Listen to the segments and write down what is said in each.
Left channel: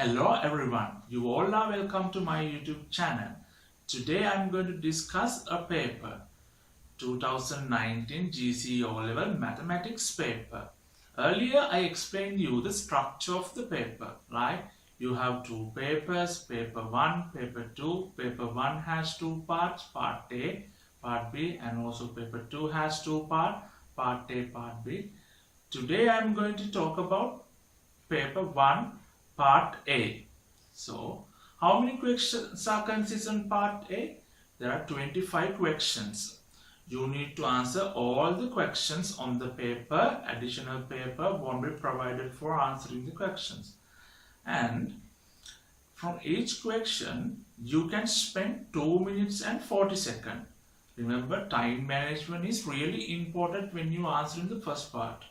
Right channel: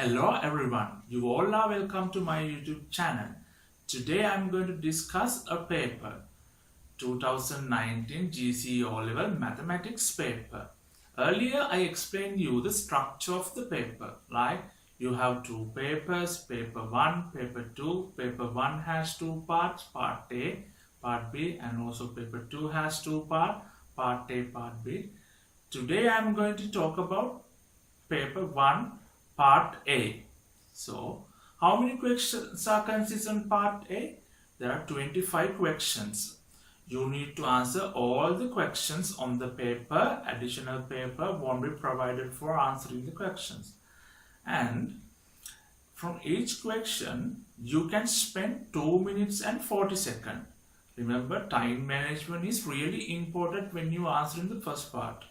Hello everyone, you all are welcome to my YouTube channel. Today I am going to discuss a paper, 2019 GCE O-Level Mathematics paper. Earlier I explained you the structure of the paper, like you have two papers, paper 1, paper 2. Paper 1 has two parts, part A, part B, and also paper 2 has two parts, part A, part B. Today I am going to talk about paper 1 part A. So how many questions are consist in part A? There are 25 questions. You need to answer all the questions on the paper. Additional paper won't be provided for answering the questions. And from each question you can spend 2 minutes and 40 seconds. Remember, time management is really important when you answer in the first part,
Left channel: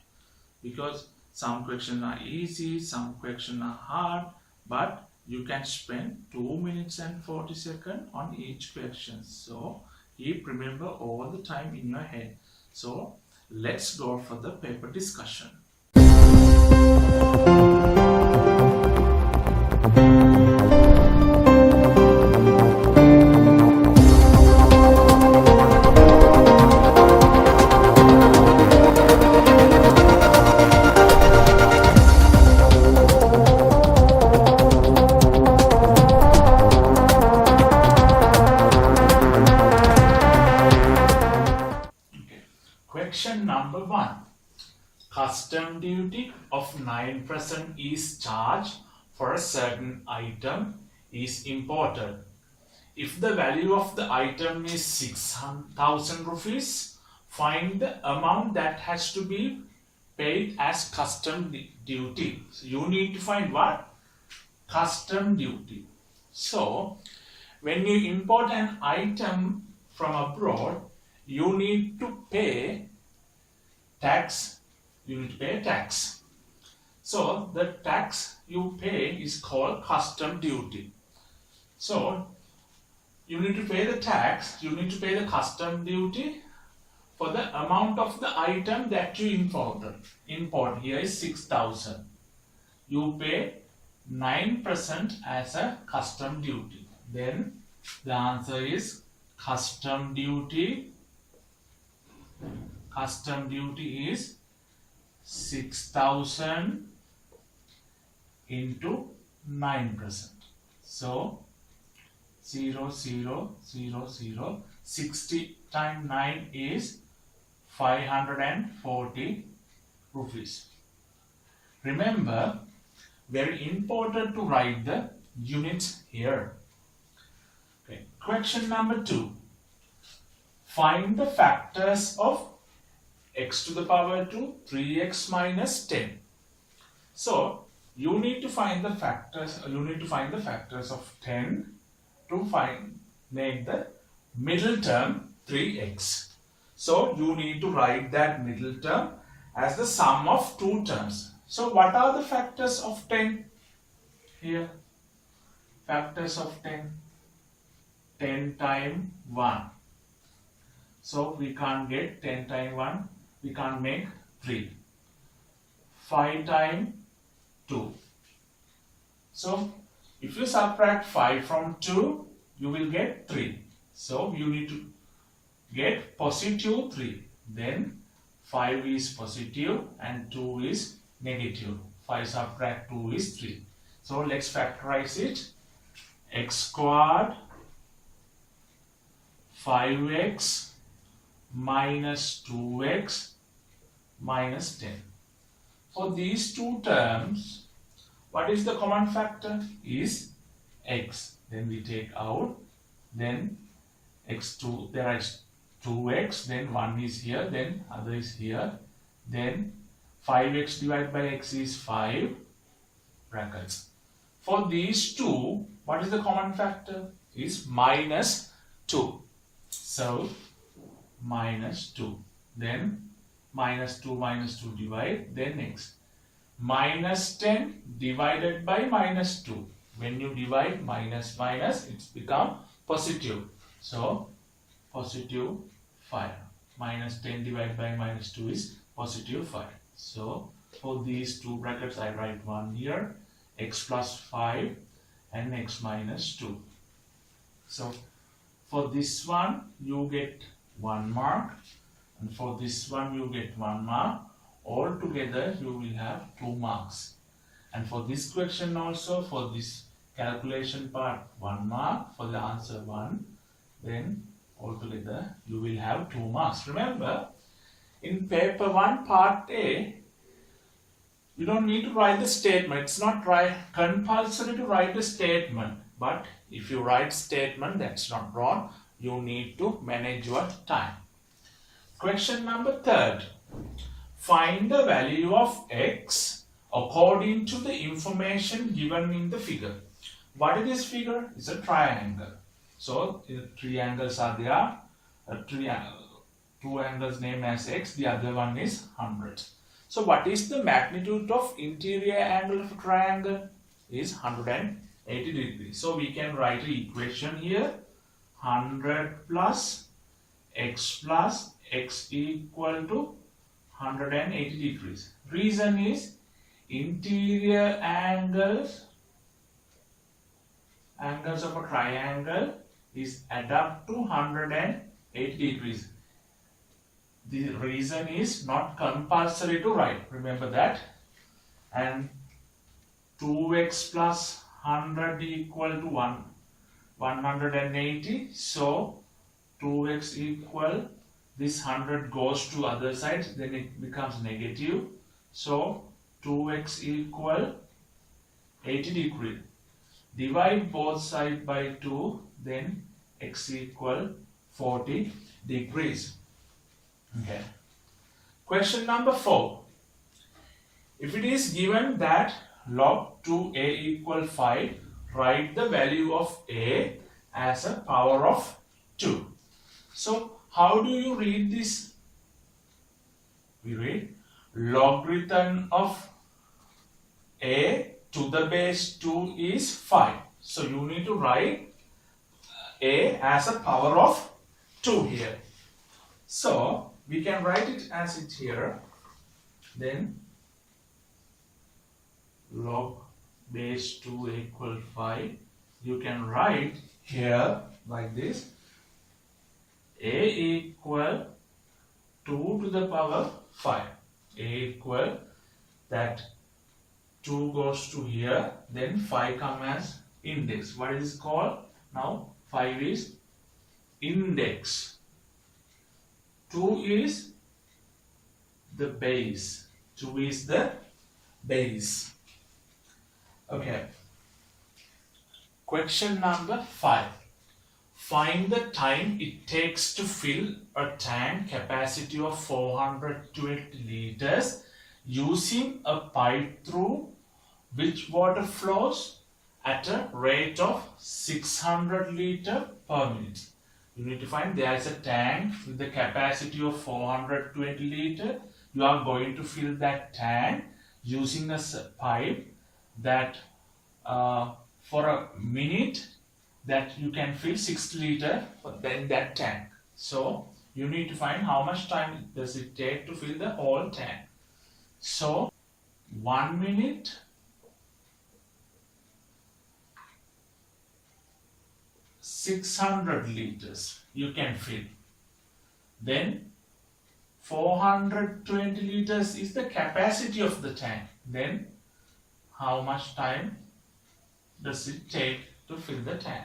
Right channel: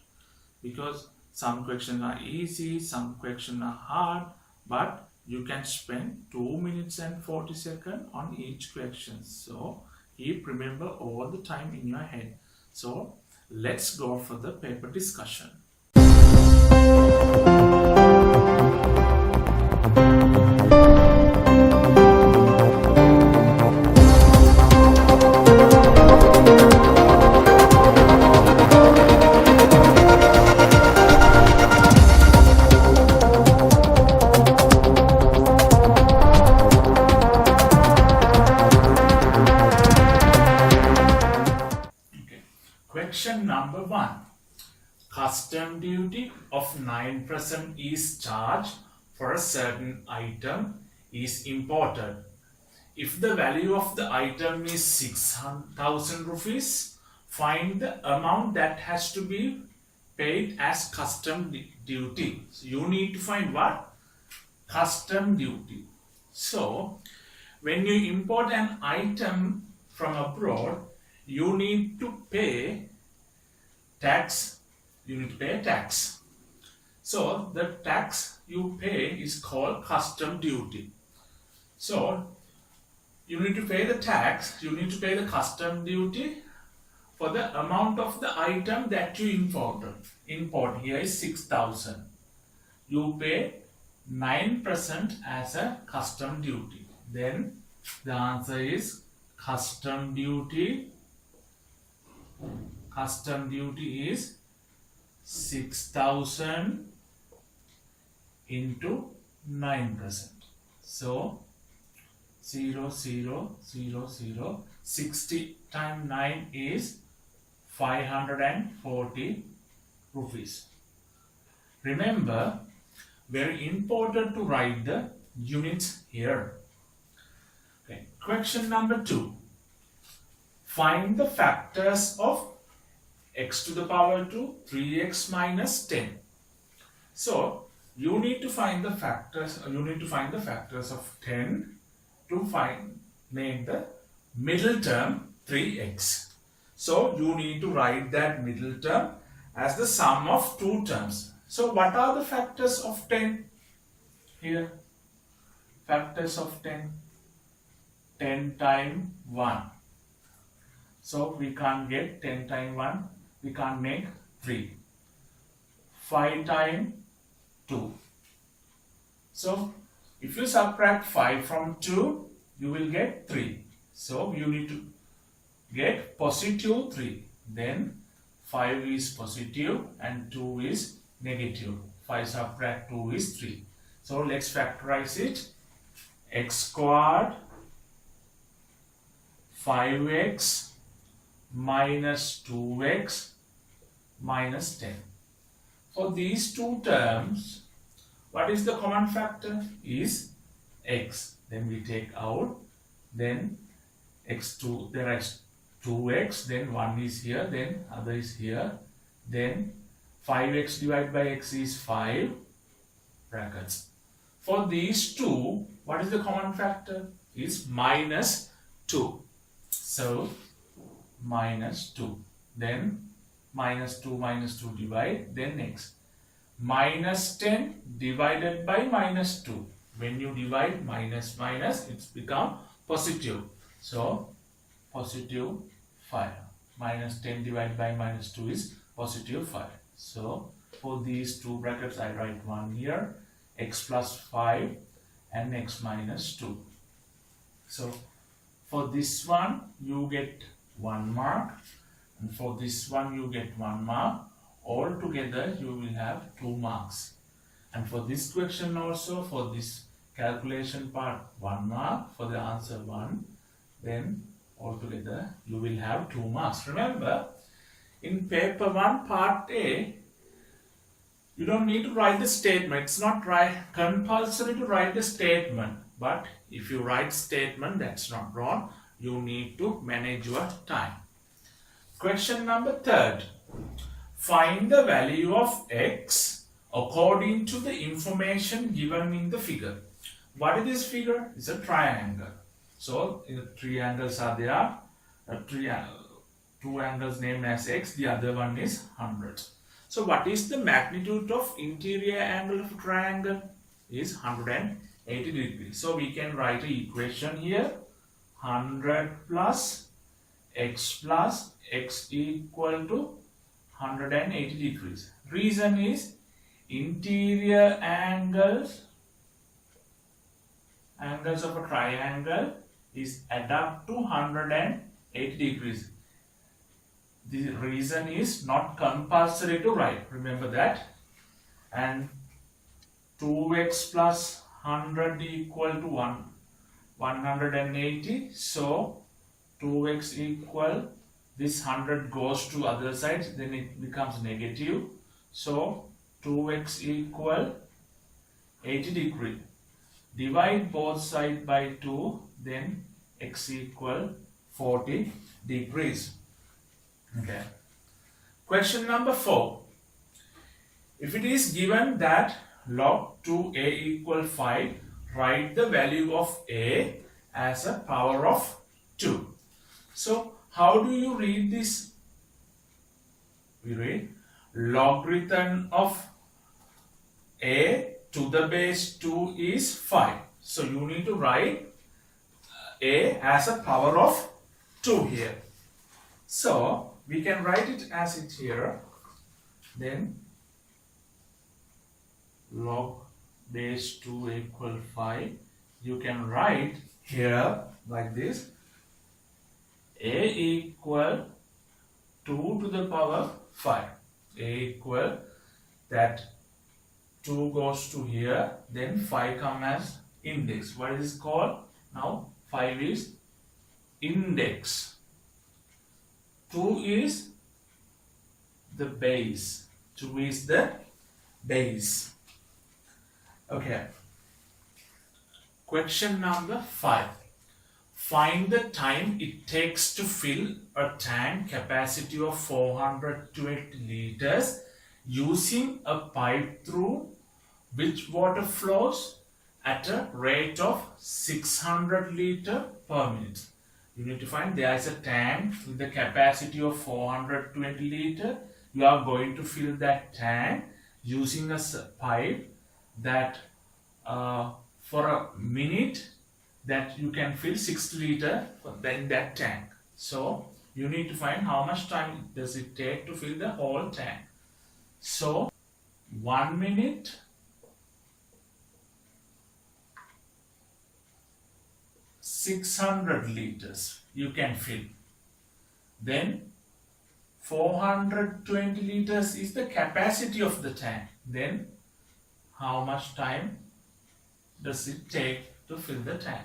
because some questions are easy, some questions are hard, but you can spend 2 minutes and 40 seconds on each question. So remember all the time in your head. So let's go for the paper discussion. Question number 1. Custom duty of 9% is charged for a certain item is imported. If the value of the item is 6,000 rupees, find the amount that has to be paid as custom duty. So you need to find what? Custom duty. So when you import an item from abroad, you need to pay tax. You need to pay tax. So the tax you pay is called custom duty. So you need to pay the tax, you need to pay the custom duty for the amount of the item that you import. Here is 6,000. You pay 9% as a custom duty. Then the answer is custom duty. Custom duty is 6,000 into 9%. So 0, 0, 0, 0. 60 times 9 is 540 rupees. Remember, very important to write the units here. Okay. Question number 2. Find the factors of x to the power 2, 3x minus 10. So you need to find the factors. You need to find the factors of 10 to make the middle term 3x. So you need to write that middle term as the sum of two terms. So what are the factors of 10 here? Factors of 10. 10 times 1. So we can't get 10 times 1. We can't make 3. 5 times 2. So if you subtract 5 from 2, you will get 3. So you need to get positive 3. Then 5 is positive and 2 is negative. 5 subtract 2 is 3. So let's factorize it. X squared 5x minus 2x minus 10. For these two terms, what is the common factor? Is x. Then we take out, then x2, there is 2x, then 1 is here, then other is here, then 5x divided by x is 5 brackets. For these two, what is the common factor? Is minus 2. So minus 2, then minus 2 divide, then x. Minus 10 divided by minus 2. When you divide minus, it's become positive. So positive 5. Minus 10 divided by minus 2 is positive 5. So for these two brackets I write 1 here. x plus 5 and x minus 2. So for this one you get 1 mark, and for this one you get 1 mark. All together you will have 2 marks. And for this question also, for this calculation part 1 mark, for the answer 1, then altogether you will have 2 marks. Remember, in paper 1 part A, you don't need to write the statement. It's not compulsory to write the statement. But if you write statement, that's not wrong. You need to manage your time. Question number 3. Find the value of x according to the information given in the figure. What is this figure? It's a triangle. So, three angles are there. Two angles named as x. The other one is 100. So, what is the magnitude of interior angle of a triangle? Is 180 degrees. So, we can write an equation here. 100 plus x equal to 180 degrees. Reason is interior angles of a triangle is add up to 180 degrees. The reason is not compulsory to write. Remember that. And 2x plus 100 equal to 180. So 2x equal, this 100 goes to other side, then it becomes negative. So 2x equal 80 degree. Divide both sides by 2, then x equal 40 degrees. Okay. Question number 4. If it is given that log 2a equal 5, write the value of a as a power of 2. So, how do you read this? We read logarithm of a to the base 2 is 5. So, you need to write a as a power of 2 here. So, we can write it as it here. Then, log base 2 equal 5. You can write here like this. A equal 2 to the power 5. A equal that 2 goes to here, then 5 comes as index. What is it called? Now 5 is index. 2 is the base. 2 is the base. Okay. Question number 5. Find the time it takes to fill a tank capacity of 420 liters using a pipe through which water flows at a rate of 600 liters per minute. You need to find there is a tank with the capacity of 420 liters. You are going to fill that tank using a pipe that for a minute that you can fill 60 liters in that tank. So you need to find how much time does it take to fill the whole tank. So 1 minute, 600 liters you can fill. Then 420 liters is the capacity of the tank. Then how much time does it take to fill the tank?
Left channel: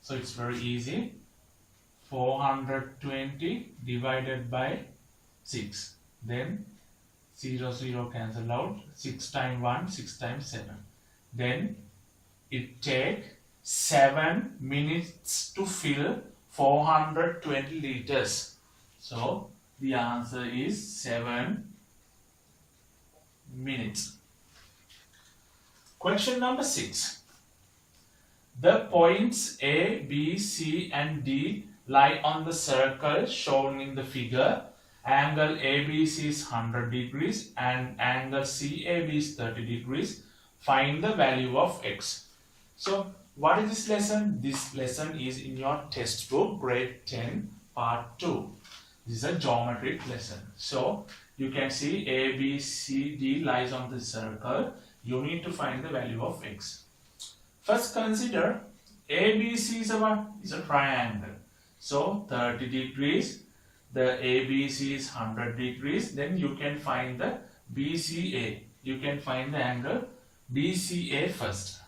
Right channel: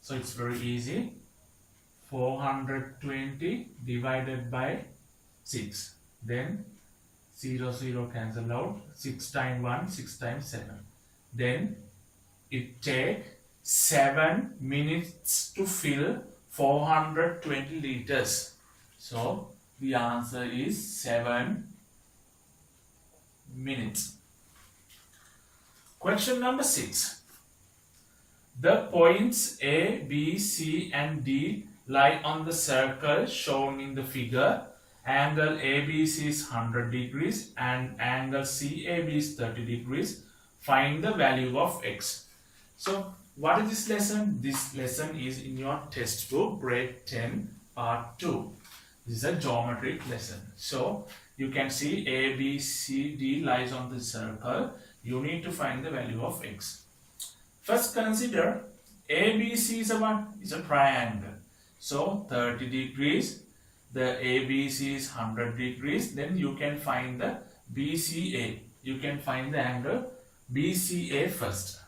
So it's very easy. 420 divided by 6. Then 0, 0 cancel out. 6 times 1, 6 times 7. Then it takes 7 minutes to fill 420 liters. So the answer is 7 minutes. Question number 6. The points A, B, C and D lie on the circle shown in the figure. Angle ABC is 100 degrees and angle CAB is 30 degrees. Find the value of x. So what is this lesson? This lesson is in your textbook grade 10 part 2. This is a geometric lesson. So you can see A, B, C, D lies on the circle. You need to find the value of x. First consider ABC is a what? Is a triangle. So 30 degrees, the ABC is 100 degrees, then you can find the BCA. You can find the angle BCA first.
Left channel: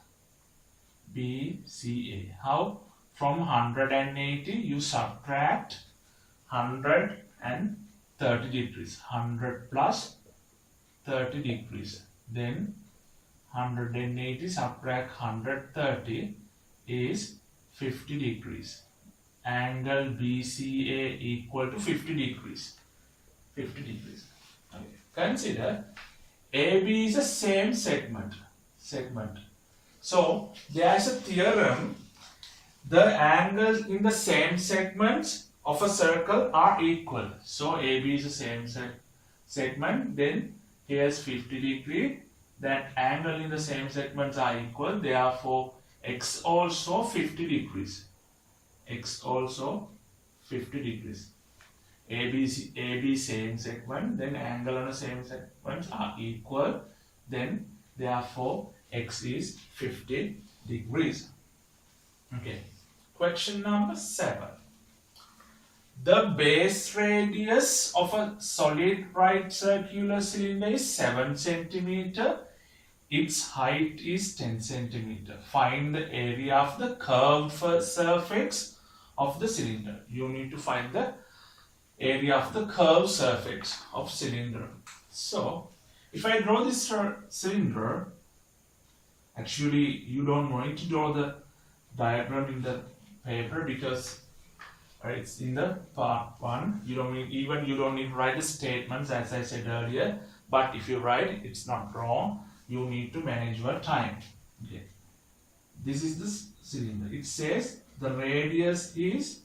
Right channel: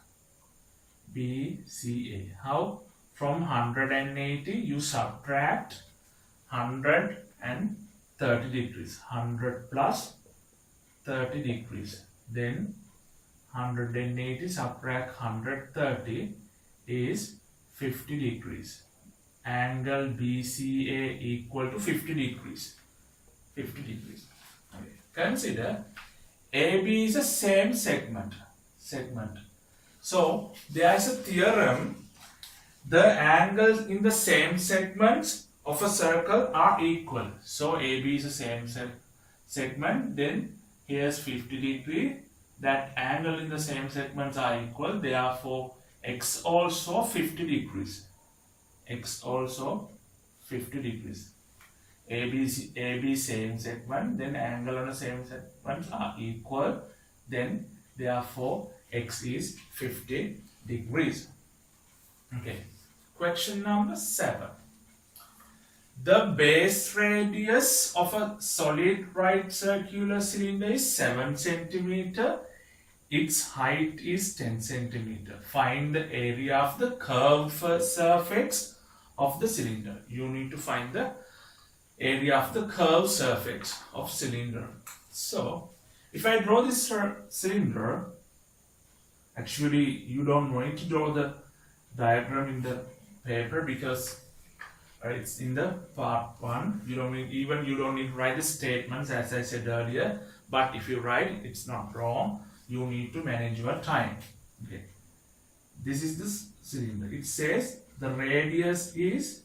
BCA. How? From 180 you subtract 130 degrees. 100 plus 30 degrees. Then 180 subtract 130 is 50 degrees. Angle BCA equal to 50 degrees. 50 degrees. Okay. Consider AB is the same segment. So there is a theorem. The angles in the same segments of a circle are equal. So AB is the same segment. Then here's 50 degree. That angle in the same segments are equal. Therefore, x also 50 degrees. X also 50 degrees. AB same segment. Then angle on the same segments are equal. Then therefore, x is 50 degrees. Okay. Question number 7. The base radius of a solid right circular cylinder is 7 centimeter. Its height is 10 centimeter. Find the area of the curved surface of the cylinder. You need to find the area of the curved surface of cylinder. So, if I draw this cylinder, actually you don't need to draw the diagram in the paper because it's in the part 1. You don't need to write the statements as I said earlier. But if you write, it's not wrong. You need to manage your time. Okay. This is the cylinder. It says the radius is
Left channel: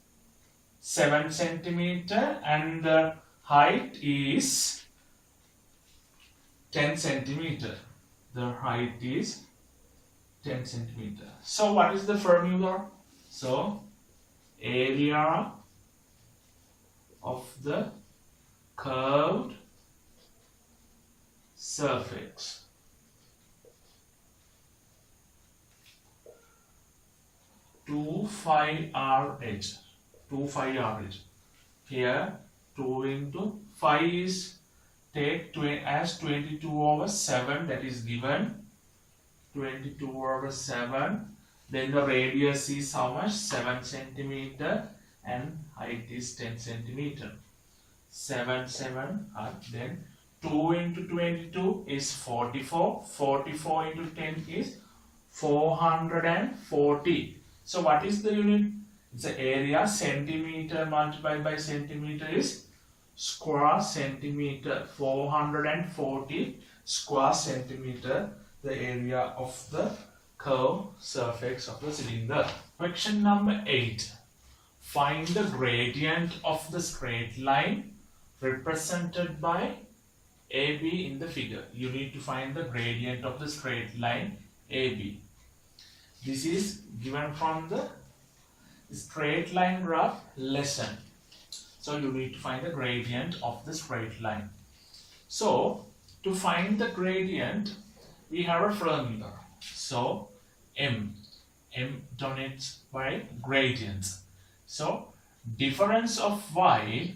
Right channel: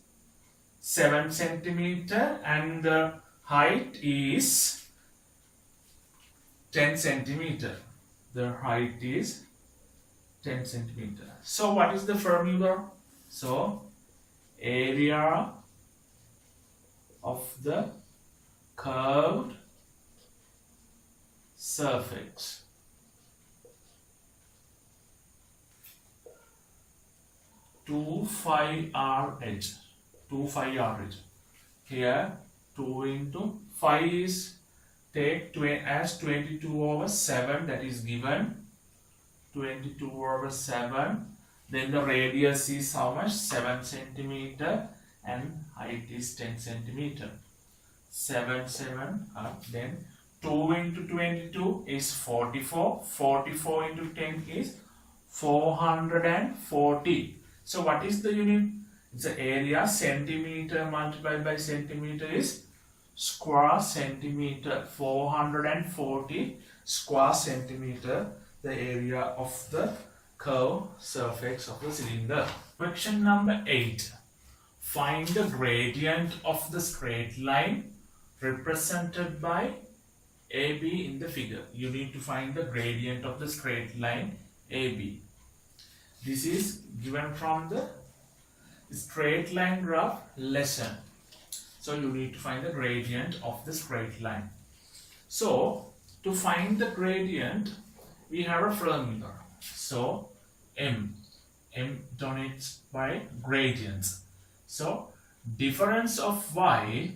7 centimeter and the height is 10 centimeter. The height is 10 centimeter. So what is the formula? So area of the curved surface. Two phi RH. Here 2 into phi is take as 22 over 7, that is given 22 over 7. Then the radius is how much? 7 centimeter and height is 10 centimeter. 7 then 2 into 22 is 44. 44 into 10 is 440. So what is the unit? It's the area. Centimeter multiplied by centimeter is square centimeter. 440 square centimeter, the area of the curved surface of the cylinder. Question number 8. Find the gradient of the straight line represented by AB in the figure. You need to find the gradient of the straight line AB. This is given from the straight line graph lesson. So you need to find the gradient of the straight line. So to find the gradient, we have a formula. So M denotes by gradients. So difference of y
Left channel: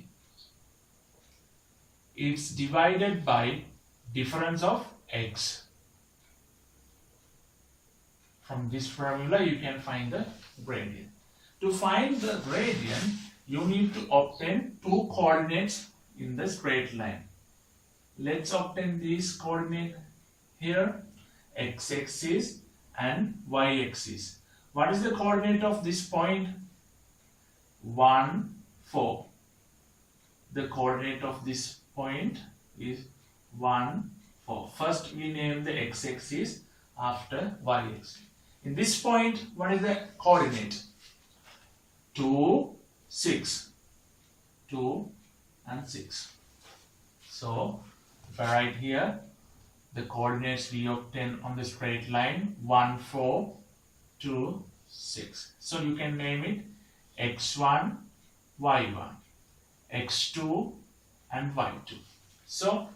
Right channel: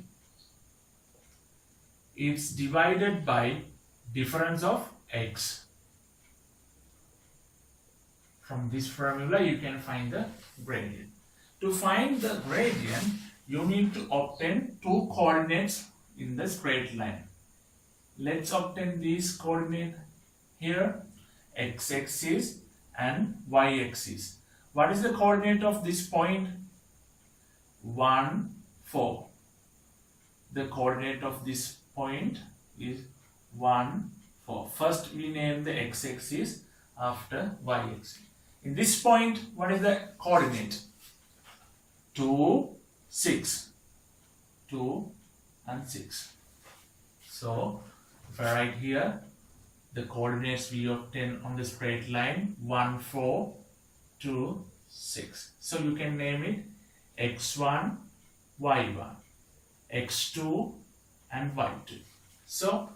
is divided by difference of x. From this formula you can find the gradient. To find the gradient, you need to obtain two coordinates in the straight line. Let's obtain these coordinates here, x-axis and y-axis. What is the coordinate of this point? 1, 4. The coordinate of this point is 1, 4. First we name the x-axis, after y-axis. In this point, what is the coordinate? 2, 6. 2 and 6. So, if I write here, the coordinates we obtain on the straight line, 1, 4, 2, 6. So, you can name it x1, y1, x2 and y2. So,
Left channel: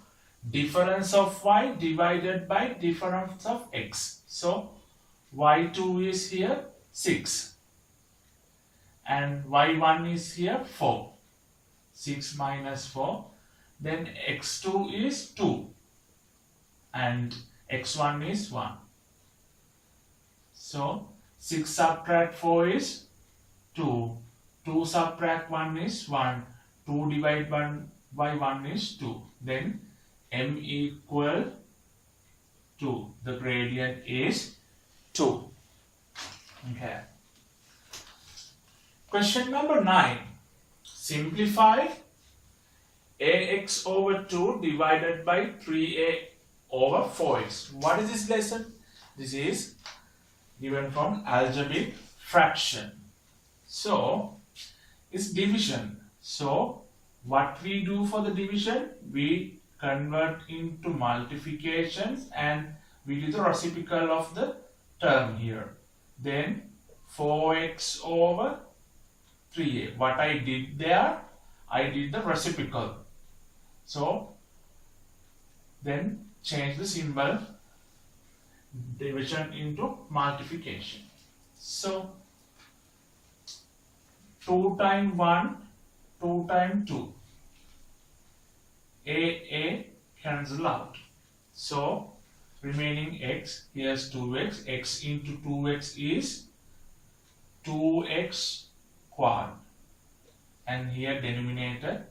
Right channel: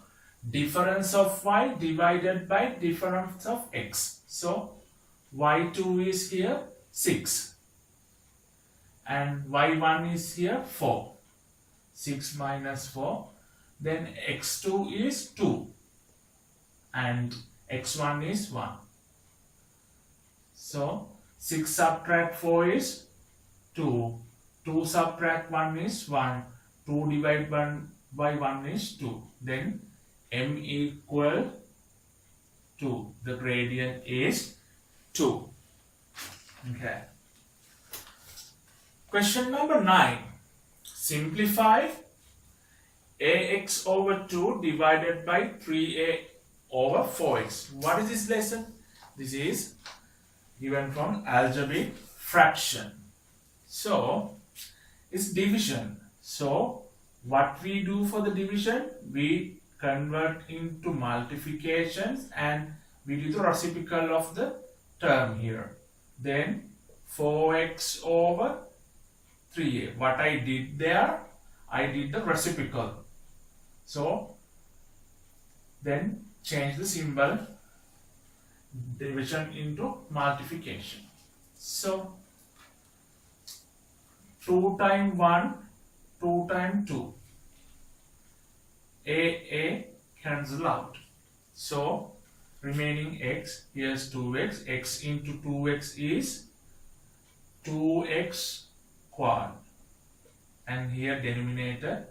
difference of y divided by difference of x. So y2 is here 6 and y1 is here 4. 6 minus 4. Then x2 is 2 and x1 is 1. So 6 subtract 4 is 2. 2 subtract 1 is 1. 2 divided by 1 is 2. Then m equal 2. The gradient is 2. Okay. Question number 9. Simplify ax over 2 divided by 3a over 4x. What is this lesson? This is given from algebraic fraction. So, it's division. So, what we do for the division? We convert into multiplications and we do the reciprocal of the term here. Then 4x over 3a. What I did there, I did the reciprocal. So then change the symbol, division into multiplication. So 2 times 1, 2 times 2. A cancel out. So remaining x, here's 2x, x into 2x is 2x quad, and here denominator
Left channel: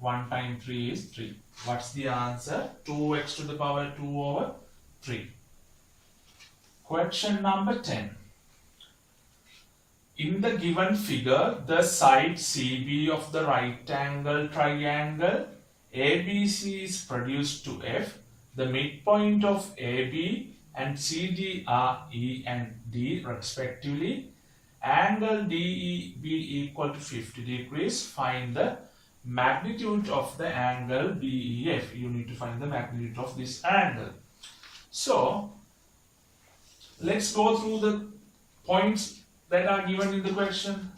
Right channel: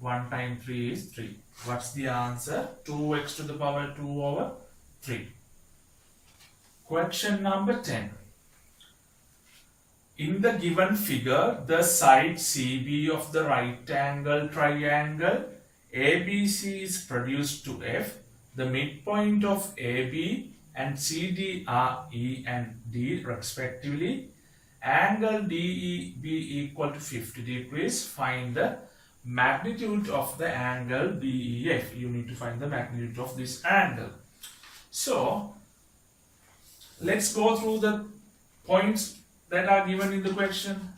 1 times 3 is 3. What's the answer? 2x to the power 2 over 3. Question number 10. In the given figure, the side CB of the right angle triangle ABC is produced to F. The midpoint of AB and CD are E and D respectively. Angle DEB equal to 50 degrees. Find the magnitude of the angle BEF. You need to find the magnitude of this angle. So, let's go through the points that are given in the question.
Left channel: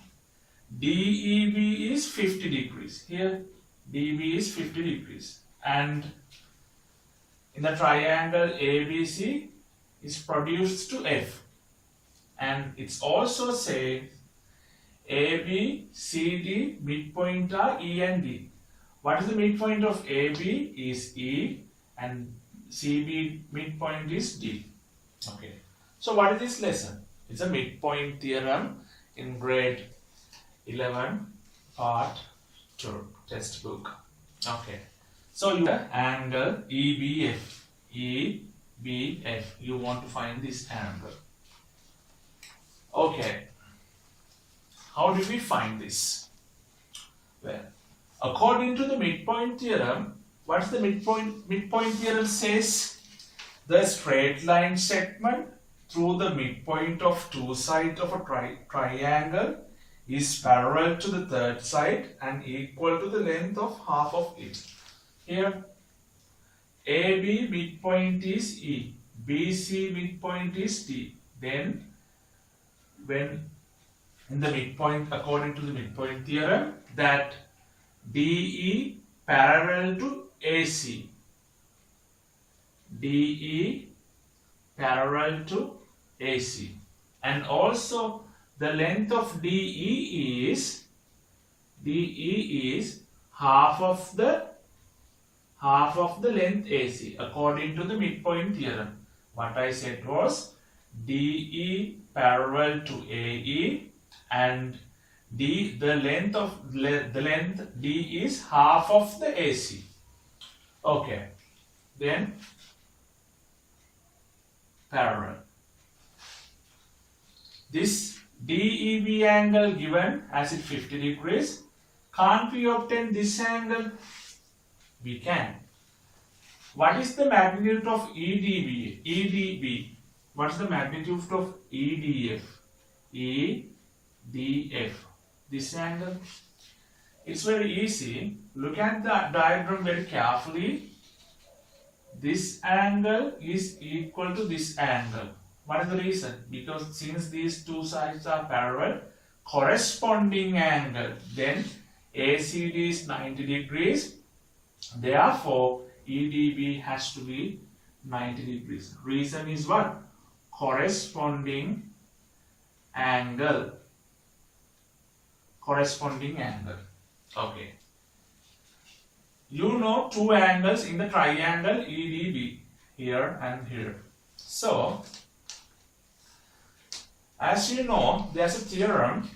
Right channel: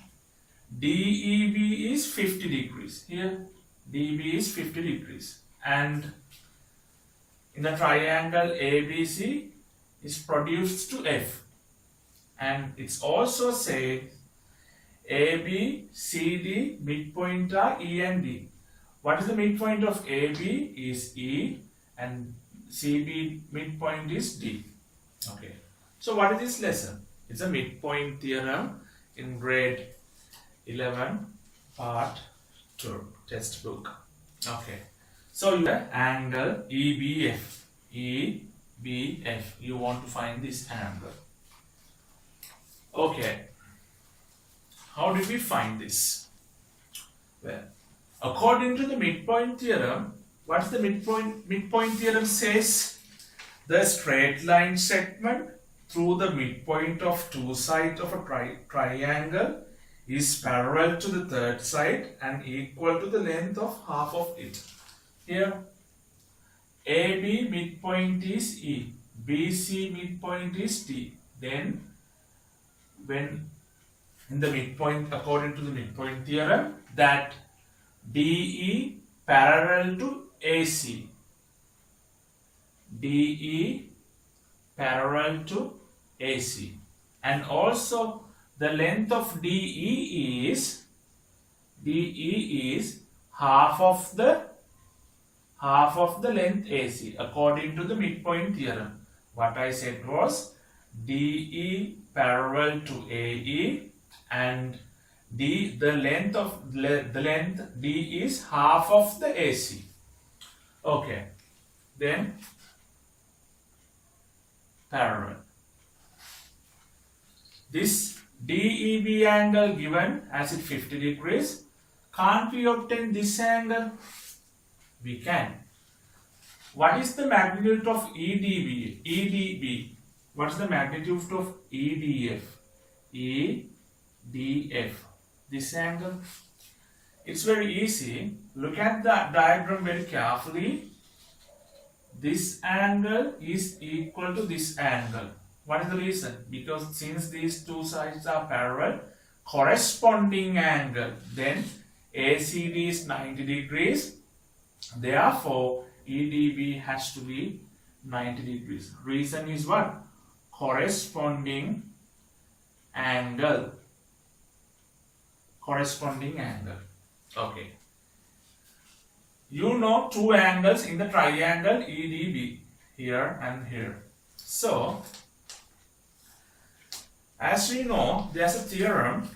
DEB is 50 degrees. Here, DEB is 50 degrees. And in the triangle ABC is produced to F. And it's also said AB, CD, midpoint are E and D. What is the midpoint of AB is E and CB midpoint is D. Okay. So what is this lesson? It's a midpoint theorem in grade 11 part 2 textbook. Okay. So you have angle EBF. EBF. You want to find this angle. Okay. How did we find this? Well, according to the midpoint theorem, what's the midpoint? Midpoint theorem says the straight line segment through the midpoint of two sides of a triangle is parallel to the third side and equal to the length of half of it. Here, AB midpoint is E, BC midpoint is D. Then, when in the midpoint, according to the midpoint theorem, that DE parallel to AC. DE parallel to AC. And also the length of DE is half of the length AC according to the midpoint theorem. What I said was DE parallel to AE and the length D is half of the AC. Okay. Then parallel. This DEB angle given as it 50 degrees. Can't we obtain this angle? We can. What is the magnitude of EDB? EDB. What is the magnitude of EDF? EDF. This angle. It's very easy. Look at the diagram very carefully. This angle is equal to this angle. What is the reason? Because since these two sides are parallel, corresponding angle, then ACD is 90 degrees. Therefore, EDB has to be 90 degrees. Reason is what? Corresponding angle. Corresponding angle. Okay. You know two angles in the triangle EDB, here and here. So, as you know, there's a theorem.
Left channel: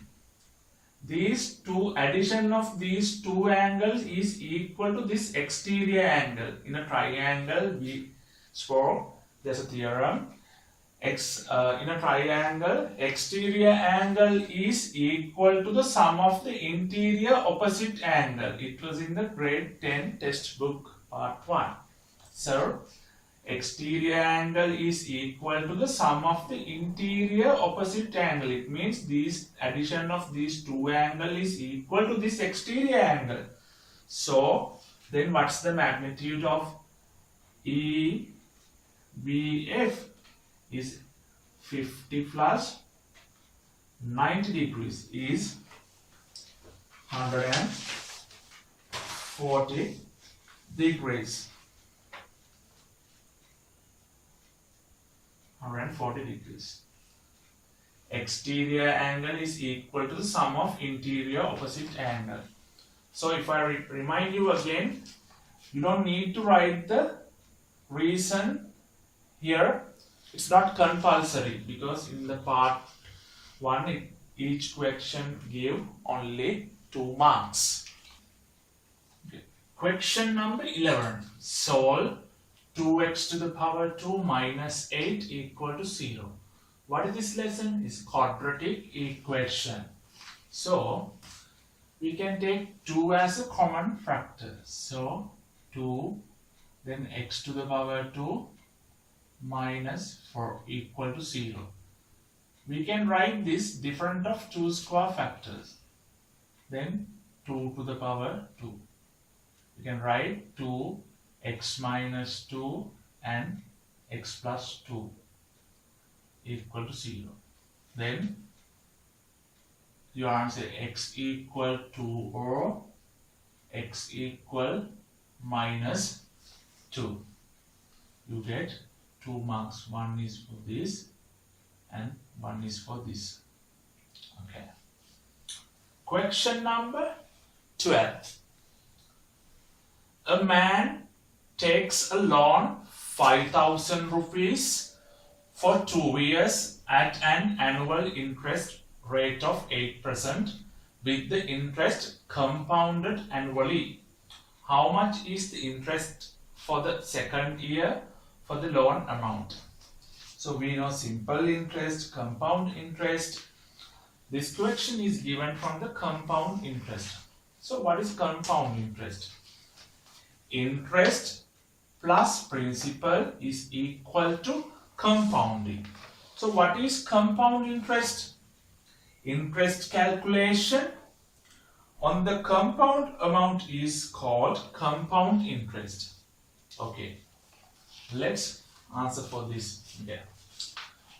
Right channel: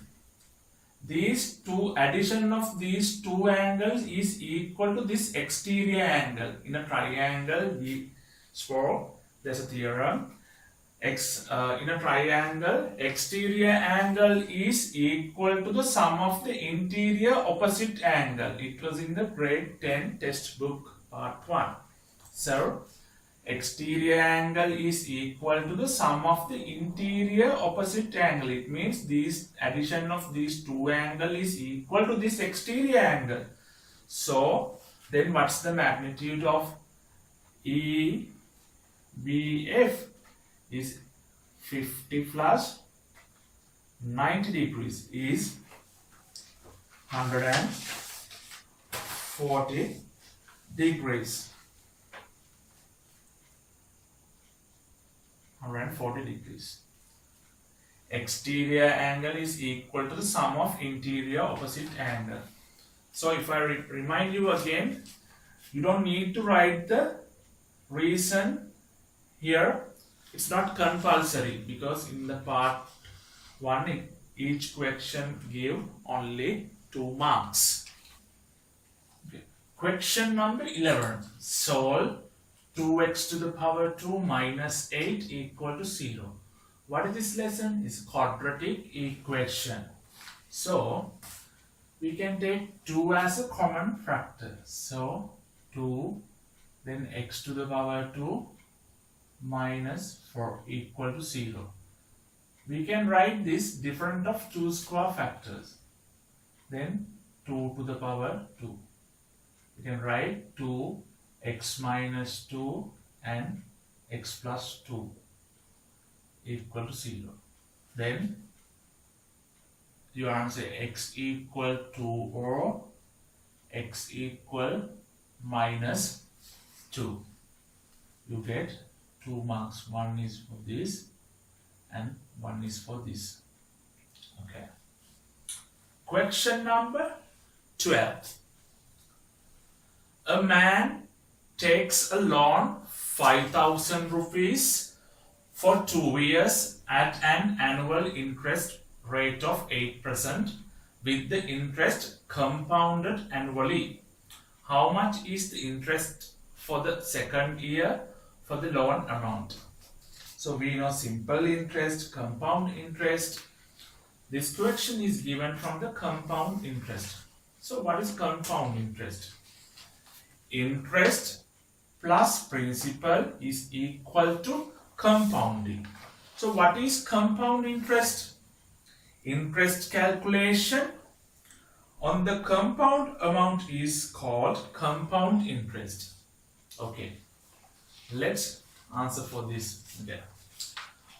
Addition of these two angles is equal to this exterior angle. In a triangle, we spoke, there's a theorem. In a triangle, exterior angle is equal to the sum of the interior opposite angle. It was in the grade 10 textbook part 1. So, exterior angle is equal to the sum of the interior opposite angle. It means this addition of these two angles is equal to this exterior angle. So, then what's the magnitude of EBF? Is 50 plus 90 degrees is 140 degrees. 140 degrees. Exterior angle is equal to the sum of interior opposite angle. So if I remind you again, you don't need to write the reason here. It's not compulsory because in the part 1 each question give only 2 marks. Okay. Question number 11. Solve 2x to the power 2 minus 8 equal to 0. What is this lesson? It's quadratic equation. So we can take 2 as a common factor. So 2 then x to the power 2 minus 4 equal to 0. We can write this different of 2 square factors. Then 2 to the power 2. We can write 2 x minus 2 and x plus 2 equal to 0. Then you answer x equal to or x equal minus 2. You get 2 marks. 1 is for this and 1 is for this. Okay. Question number 12. A man takes a loan 5,000 rupees for 2 years at an annual interest rate of 8% with the interest compounded annually. How much is the interest for the second year for the loan amount? So we know simple interest, compound interest. This question is given from the compound interest. So what is compound interest? Interest plus principal is equal to compounding. So what is compound interest? Interest calculation on the compound amount is called compound interest. Okay, let's answer for this. Okay.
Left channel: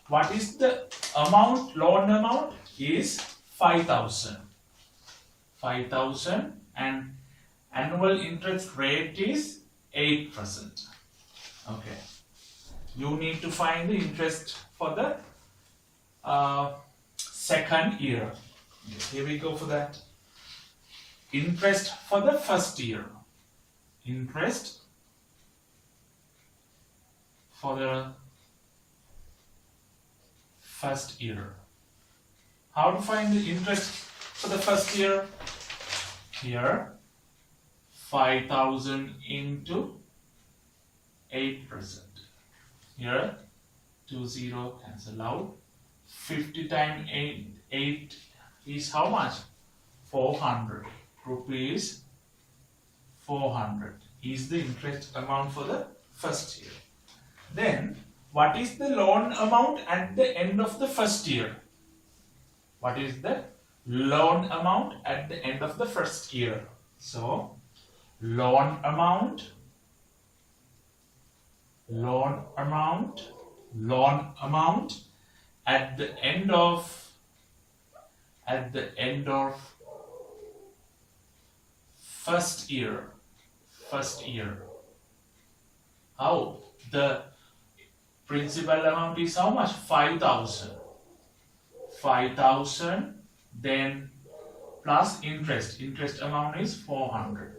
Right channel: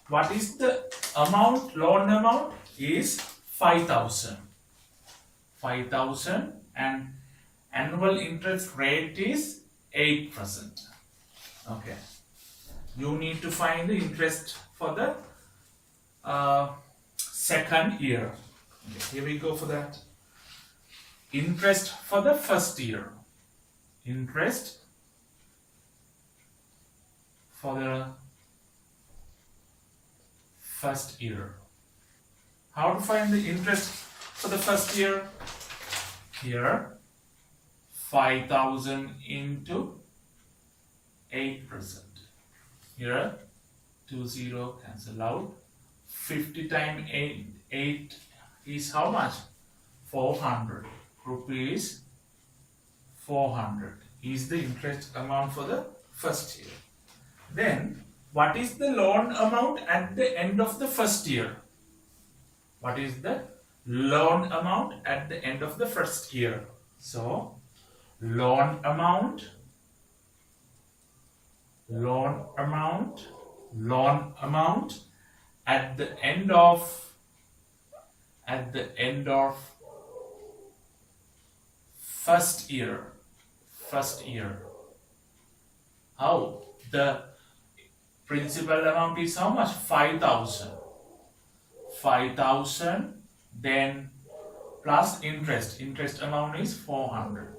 What is the amount? Loan amount is 5,000. 5,000 and annual interest rate is 8%. Okay. You need to find the interest for the second year. Okay, here we go for that. Interest for the first year. Interest for the first year. How to find the interest for the first year? Here, 5,000 into 8%. Here, 20 cancel out. 50 times 8 is how much? 400 rupees. 400 is the interest amount for the first year. Then, what is the loan amount at the end of the first year? What is the loan amount at the end of the first year? So, loan amount at the end of first year How? The principal amount is how much? 5,000. 5,000, then plus interest. Interest amount is 400.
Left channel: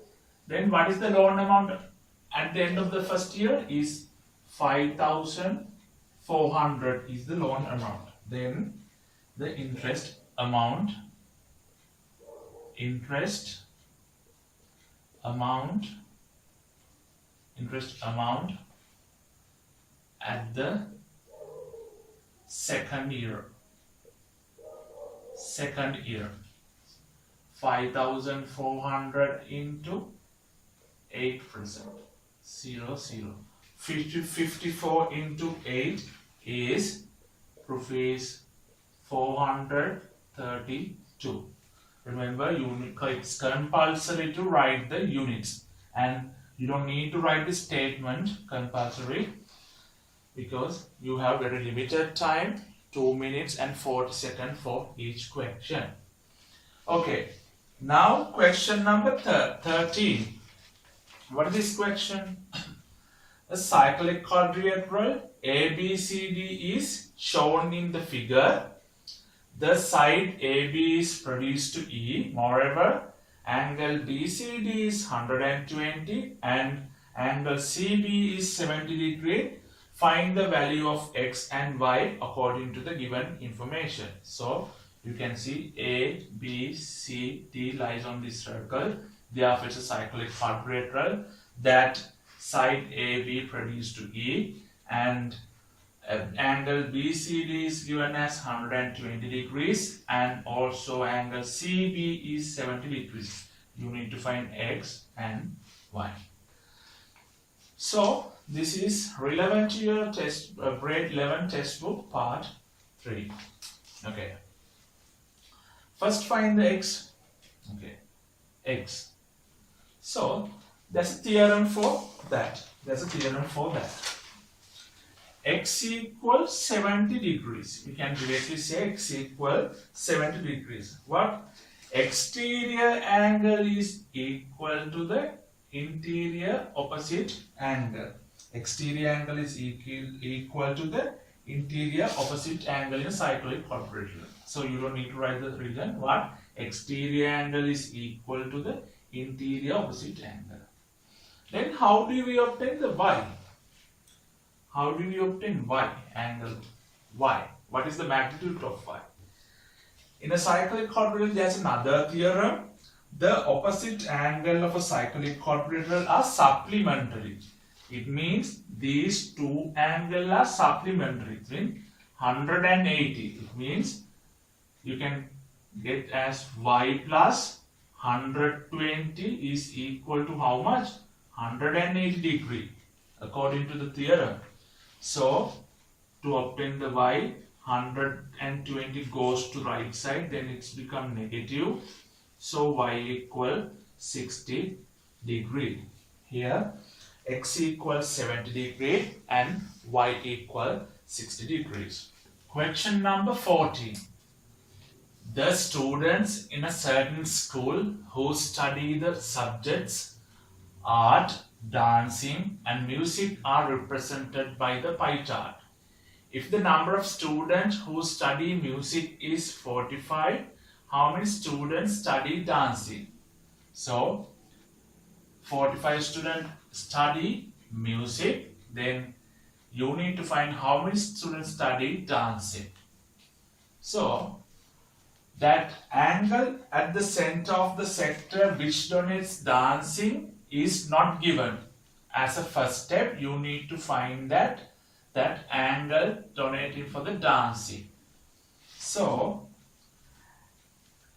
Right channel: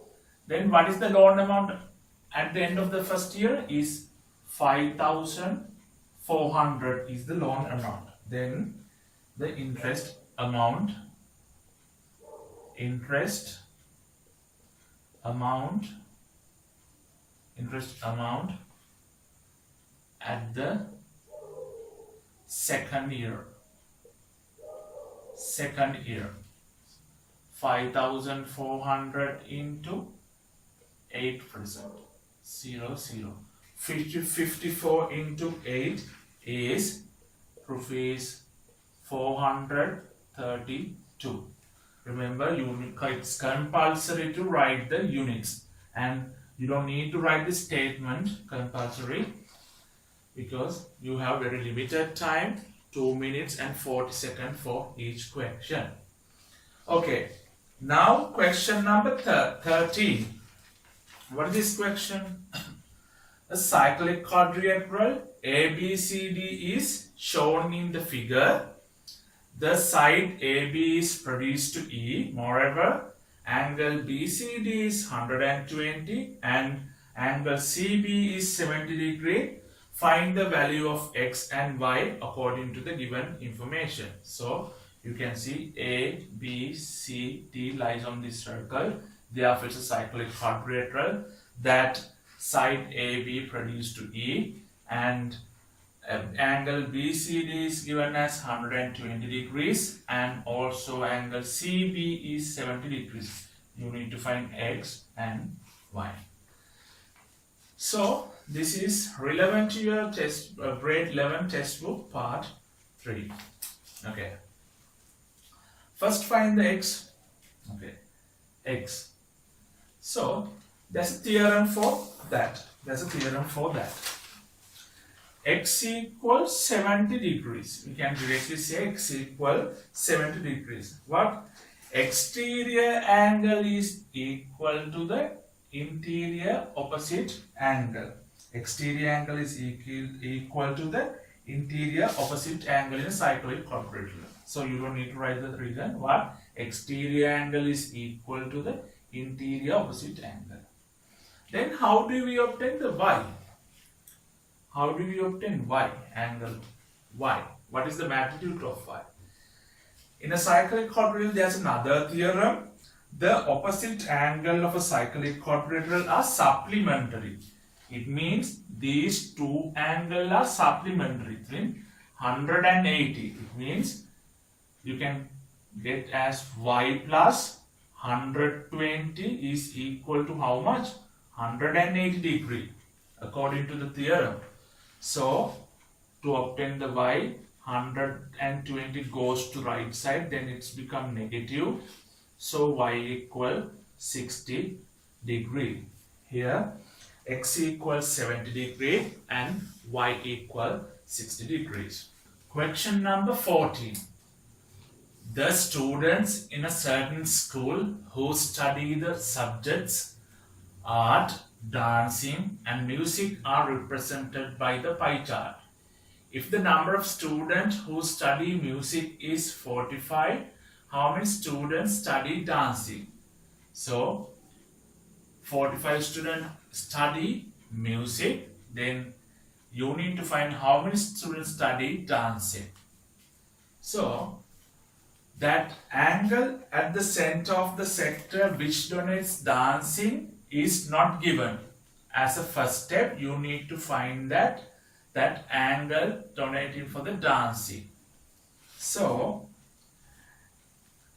Then what is the loan amount at the end of the first year is 5,400 is the loan amount. Then the interest amount at the second year 5,400 into 8%, 0, 0. 54 into 8 is rupees 432. Remember, it's compulsory to write the units, and you don't need to write the statement compulsory because you have very limited time, 2 minutes and 40 seconds for each question. Okay, now question number 13. What is this question? A cyclic quadrilateral ABCD is shown in the figure. The side AB is produced to E. Moreover, angle BCD is 120 and angle CB is 70 degree. Find the value of X and Y according to the given information. So you can see A, B, C, D lies on this circle. Therefore, it's a cyclic quadrilateral. That side AB produced to E, and angle BCD is given as 120 degrees, and also angle CB is 70 degrees. You need to find X and Y. So this is relevant to your grade 11 textbook part 3. Okay. First find the X. Okay. X. So there's a theorem for that. X equals 70 degrees. We can directly say X equals 70 degrees. What? Exterior angle is equal to the interior opposite angle. Exterior angle is equal to the interior opposite angle in a cyclic quadrilateral. So you don't need to write the reason. What? Exterior angle is equal to the interior opposite angle. Then how do we obtain the Y? How do we obtain Y? Angle Y. What is the magnitude of Y? In a cyclic quadrilateral, there's another theorem. The opposite angle of a cyclic quadrilateral are supplementary. It means these two angles are supplementary. It means 180. It means you can get as Y plus 120 is equal to how much? 180 degree according to the theorem. So to obtain the Y, 120 goes to right side, then it's become negative. So Y equal 60 degree. Here X equals 70 degree and Y equal 60 degrees. Question number 14. The students in a certain school who study the subjects art, dancing and music are represented by the pie chart. If the number of students who study music is 45, how many students study dancing? So 45 students study music, then you need to find how many students study dancing. So that angle at the center of the sector which donates dancing is not given. As a first step, you need to find that angle donating for the dancing. So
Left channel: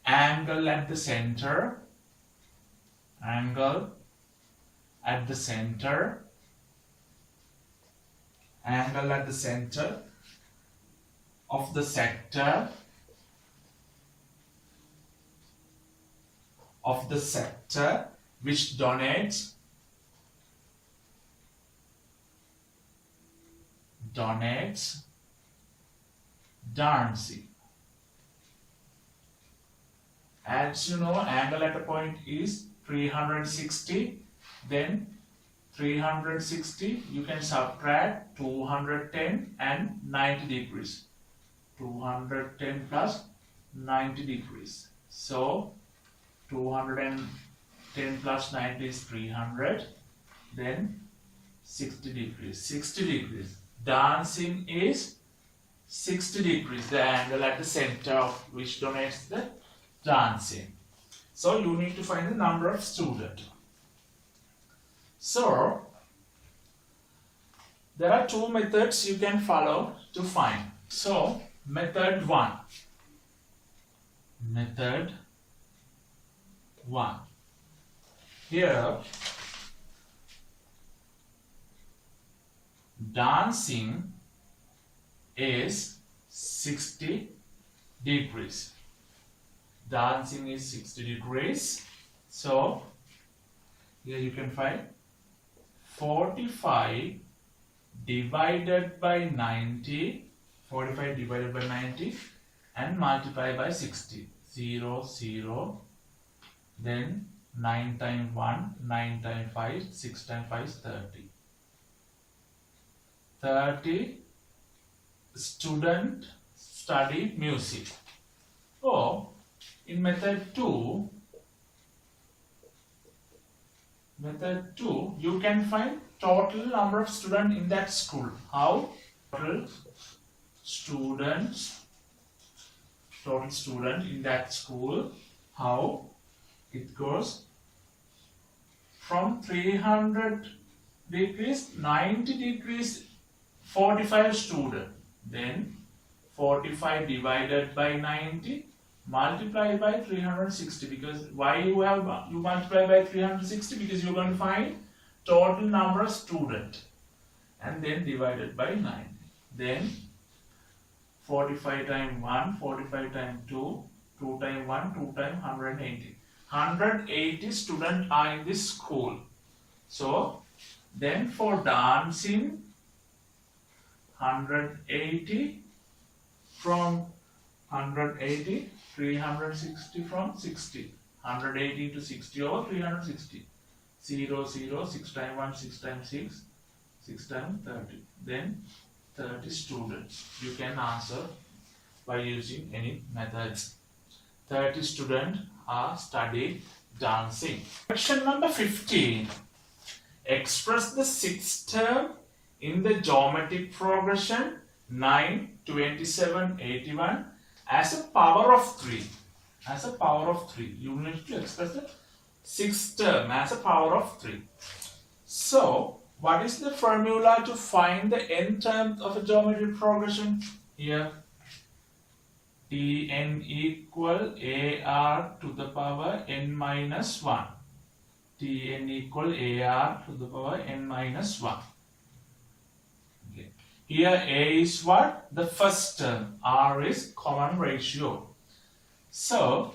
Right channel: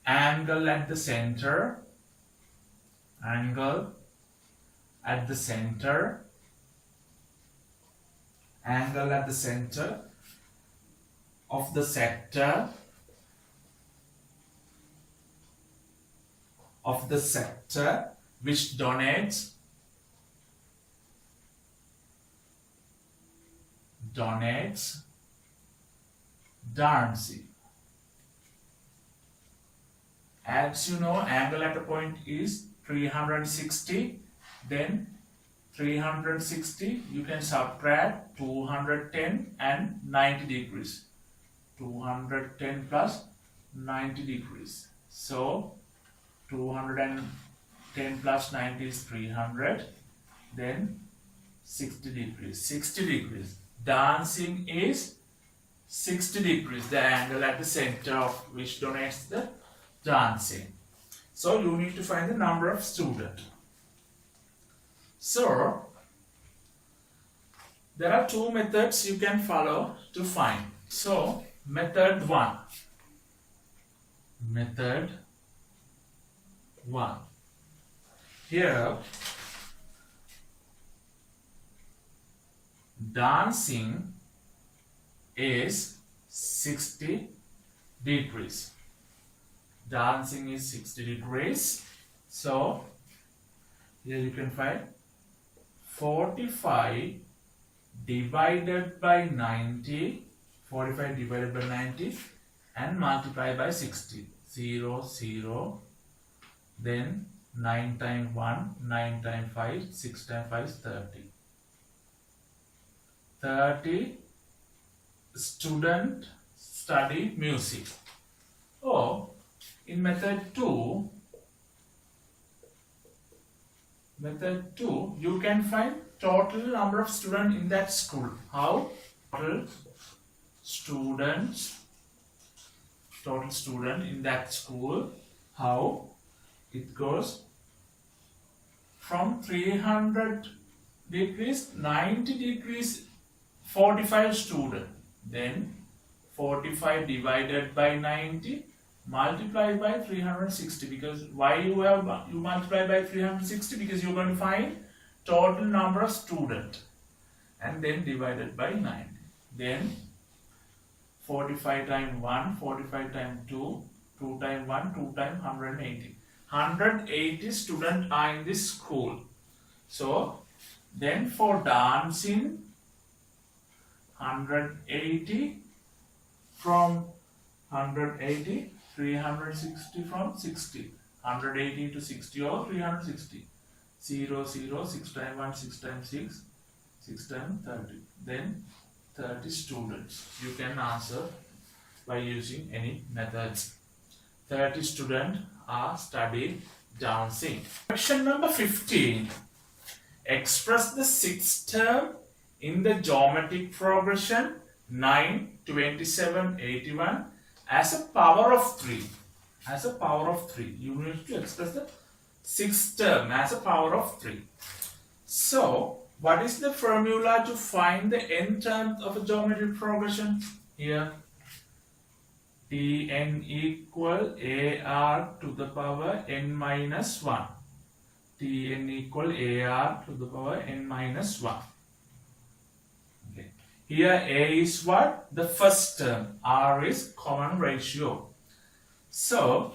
angle at the center of the sector which donates dancing. As you know, angle at a point is 360, then 360, you can subtract 210 and 90 degrees. 210 plus 90 degrees. So 210 plus 90 is 300. Then 60 degrees. 60 degrees. Dancing is 60 degrees. The angle at the center of which donates the dancing. So you need to find the number of students. So there are two methods you can follow to find. So method 1. Method 1. Here dancing is 60 degrees. Dancing is 60 degrees. So here you can find 45 divided by 90. 45 divided by 90 and multiply by 60. 0, 0. Then 9 times 1, 9 times 5, 6 times 5 is 30. 30 students study music. Or in method 2, you can find total number of students in that school. How? Total student in that school. How? It goes from 300 degrees, 90 degrees, 45 students. Then 45 divided by 90 multiply by 360. Because why you multiply by 360? Because you're going to find total number of students. And then divided by 90. Then 45 times 1, 45 times 2, 2 times 1, 2 times 180. 180 students are in this school. So then for dancing, 180 from 180, 360 from 60. 180 to 60 over 360. 0, 0, 6 times 1, 6 times 6, 6 times 30. Then 30 students. You can answer by using any methods. 30 students are studying dancing. Question number 15. Express the sixth term in the geometric progression 9, 27, 81 as a power of 3. As a power of 3. You need to express the sixth term as a power of 3. So, what is the formula to find the n terms of a geometric progression? Here, Tn equal AR to the power n minus 1. Tn equal AR to the power n minus 1. Okay. Here A is what? The first term. R is common ratio. So,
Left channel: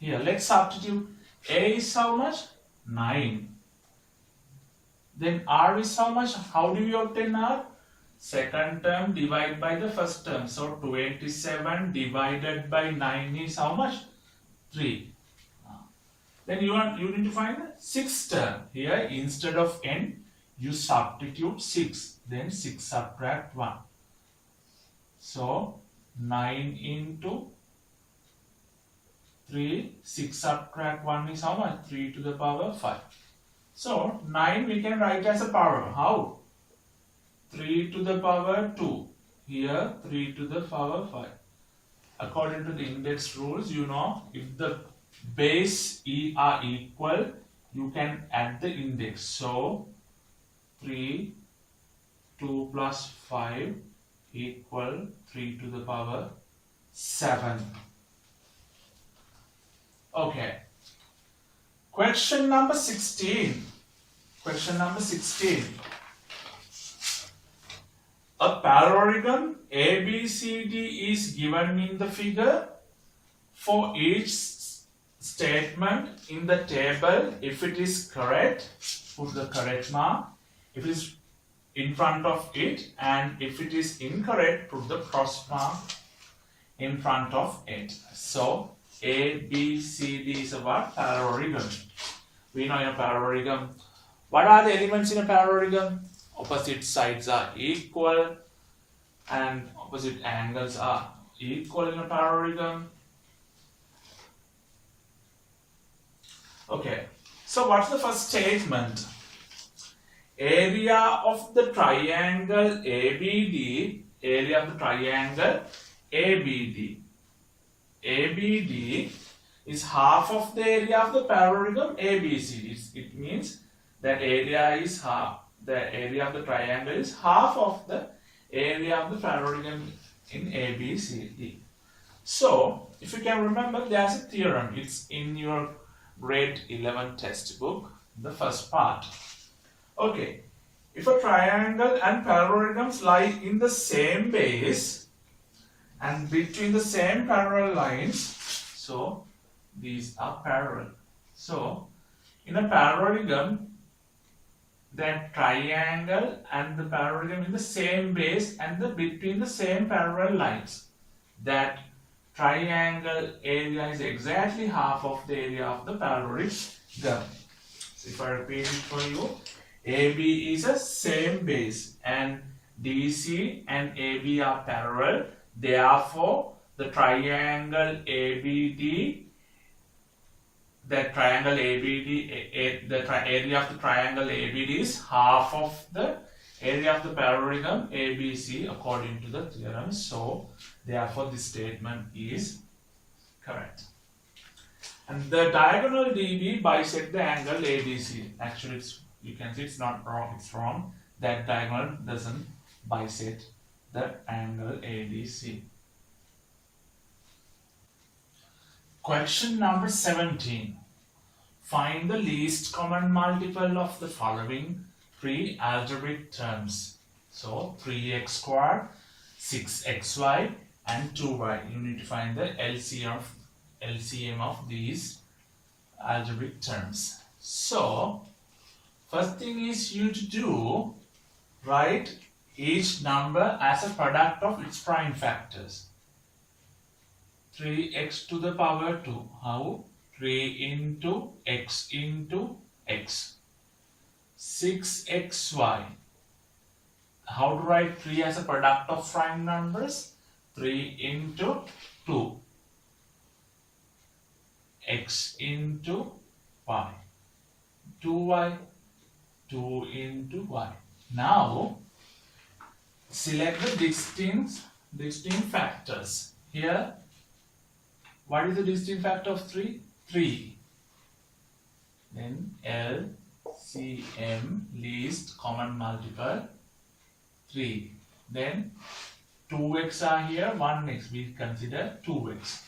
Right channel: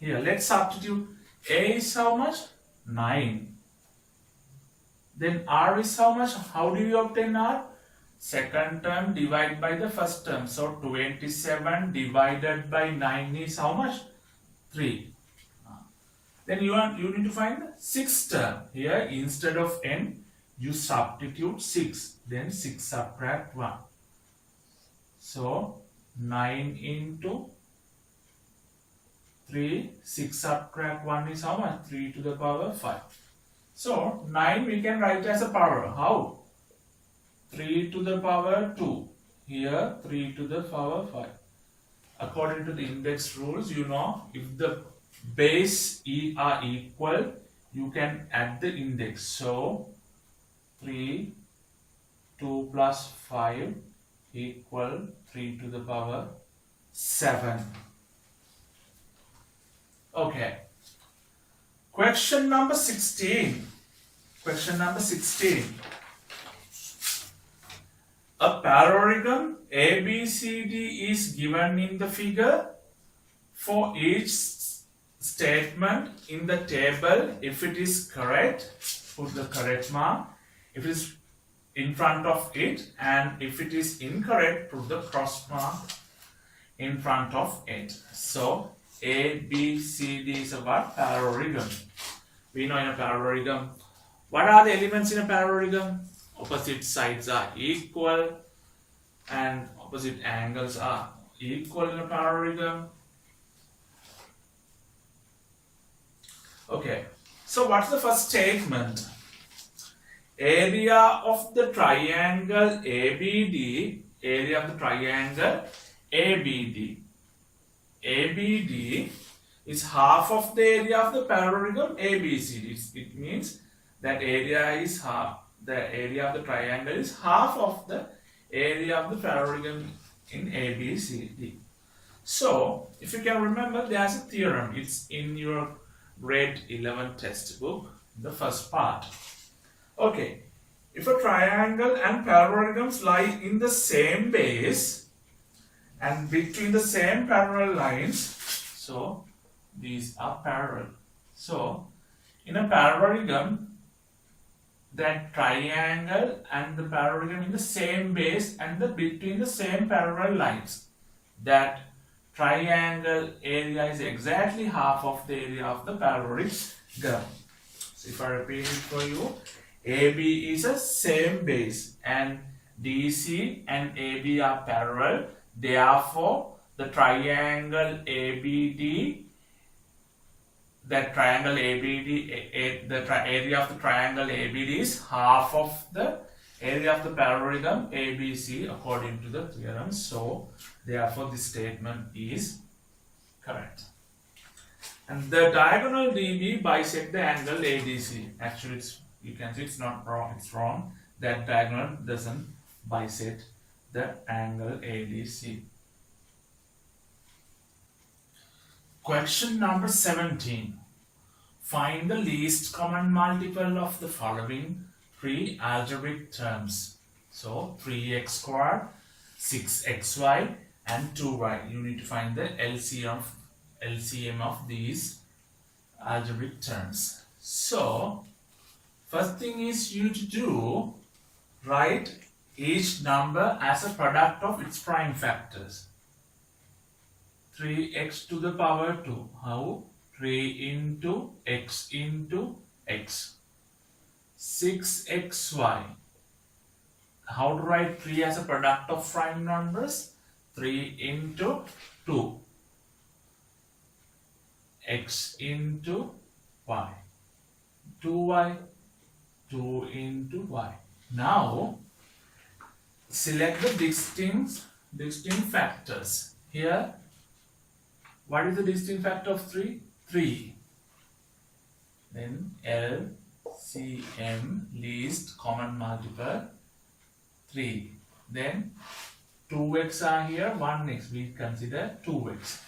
here let's substitute. A is how much? 9. Then R is how much? How do you obtain R? Second term divided by the first term. So 27 divided by 9 is how much? 3. Then you need to find the sixth term. Here instead of n, you substitute 6. Then 6 subtract 1. So 9 into 3, 6 subtract 1 is how much? 3 to the power 5. So 9 we can write as a power. How? 3 to the power 2. Here 3 to the power 5. According to the index rules, you know, if the base are equal, you can add the index. So 3, 2 plus 5 equal 3 to the power 7. Okay. Question number 16. Question number 16. A parallelogram ABCD is given in the figure. For each statement in the table, if it is correct, put the correct mark. If it is in front of it, and if it is incorrect, put the cross mark in front of it. So A, B, C, D is a what? Parallelogram. We know in a parallelogram, What are the elements in a parallelogram? Opposite sides are equal and opposite angles are equal in a parallelogram. Okay, so what's the first statement? Area of the triangle ABD, area of the triangle ABD. ABD is half of the area of the parallelogram ABCD. It means that area is half, the area of the triangle is half of the area of the parallelogram in ABCD. So, if you can remember, there's a theorem. It's in your grade 11 textbook, the first part. Okay, if a triangle and parallelograms lie in the same base and between the same parallel lines, so these are parallel. So, in a parallelogram, that triangle and the parallelogram in the same base and between the same parallel lines, that triangle area is exactly half of the area of the parallelogram. So if I repeat it for you, AB is a same base and DC and AB are parallel. Therefore, the triangle ABD, that triangle ABD, the area of the triangle ABD is half of the area of the parallelogram ABC according to the theorem. So, therefore, this statement is correct. And the diagonal DB bisect the angle ADC. Actually, you can see it's not wrong, it's wrong. That diagonal doesn't bisect the angle ADC. Question number 17. Find the least common multiple of the following three algebraic terms. So 3x squared, 6xy and 2y. You need to find the LCM of these algebraic terms. So first thing is you to do, write each number as a product of its prime factors. 3x to the power 2. How? 3 into x into x. 6xy. How to write 3 as a product of prime numbers? 3 into 2. X into y. 2y. 2 into y. Now, select the distinct factors. Here, what is the distinct factor of 3? 3. Then LCM, least common multiple, 3. Then 2x are here, 1x, we consider 2x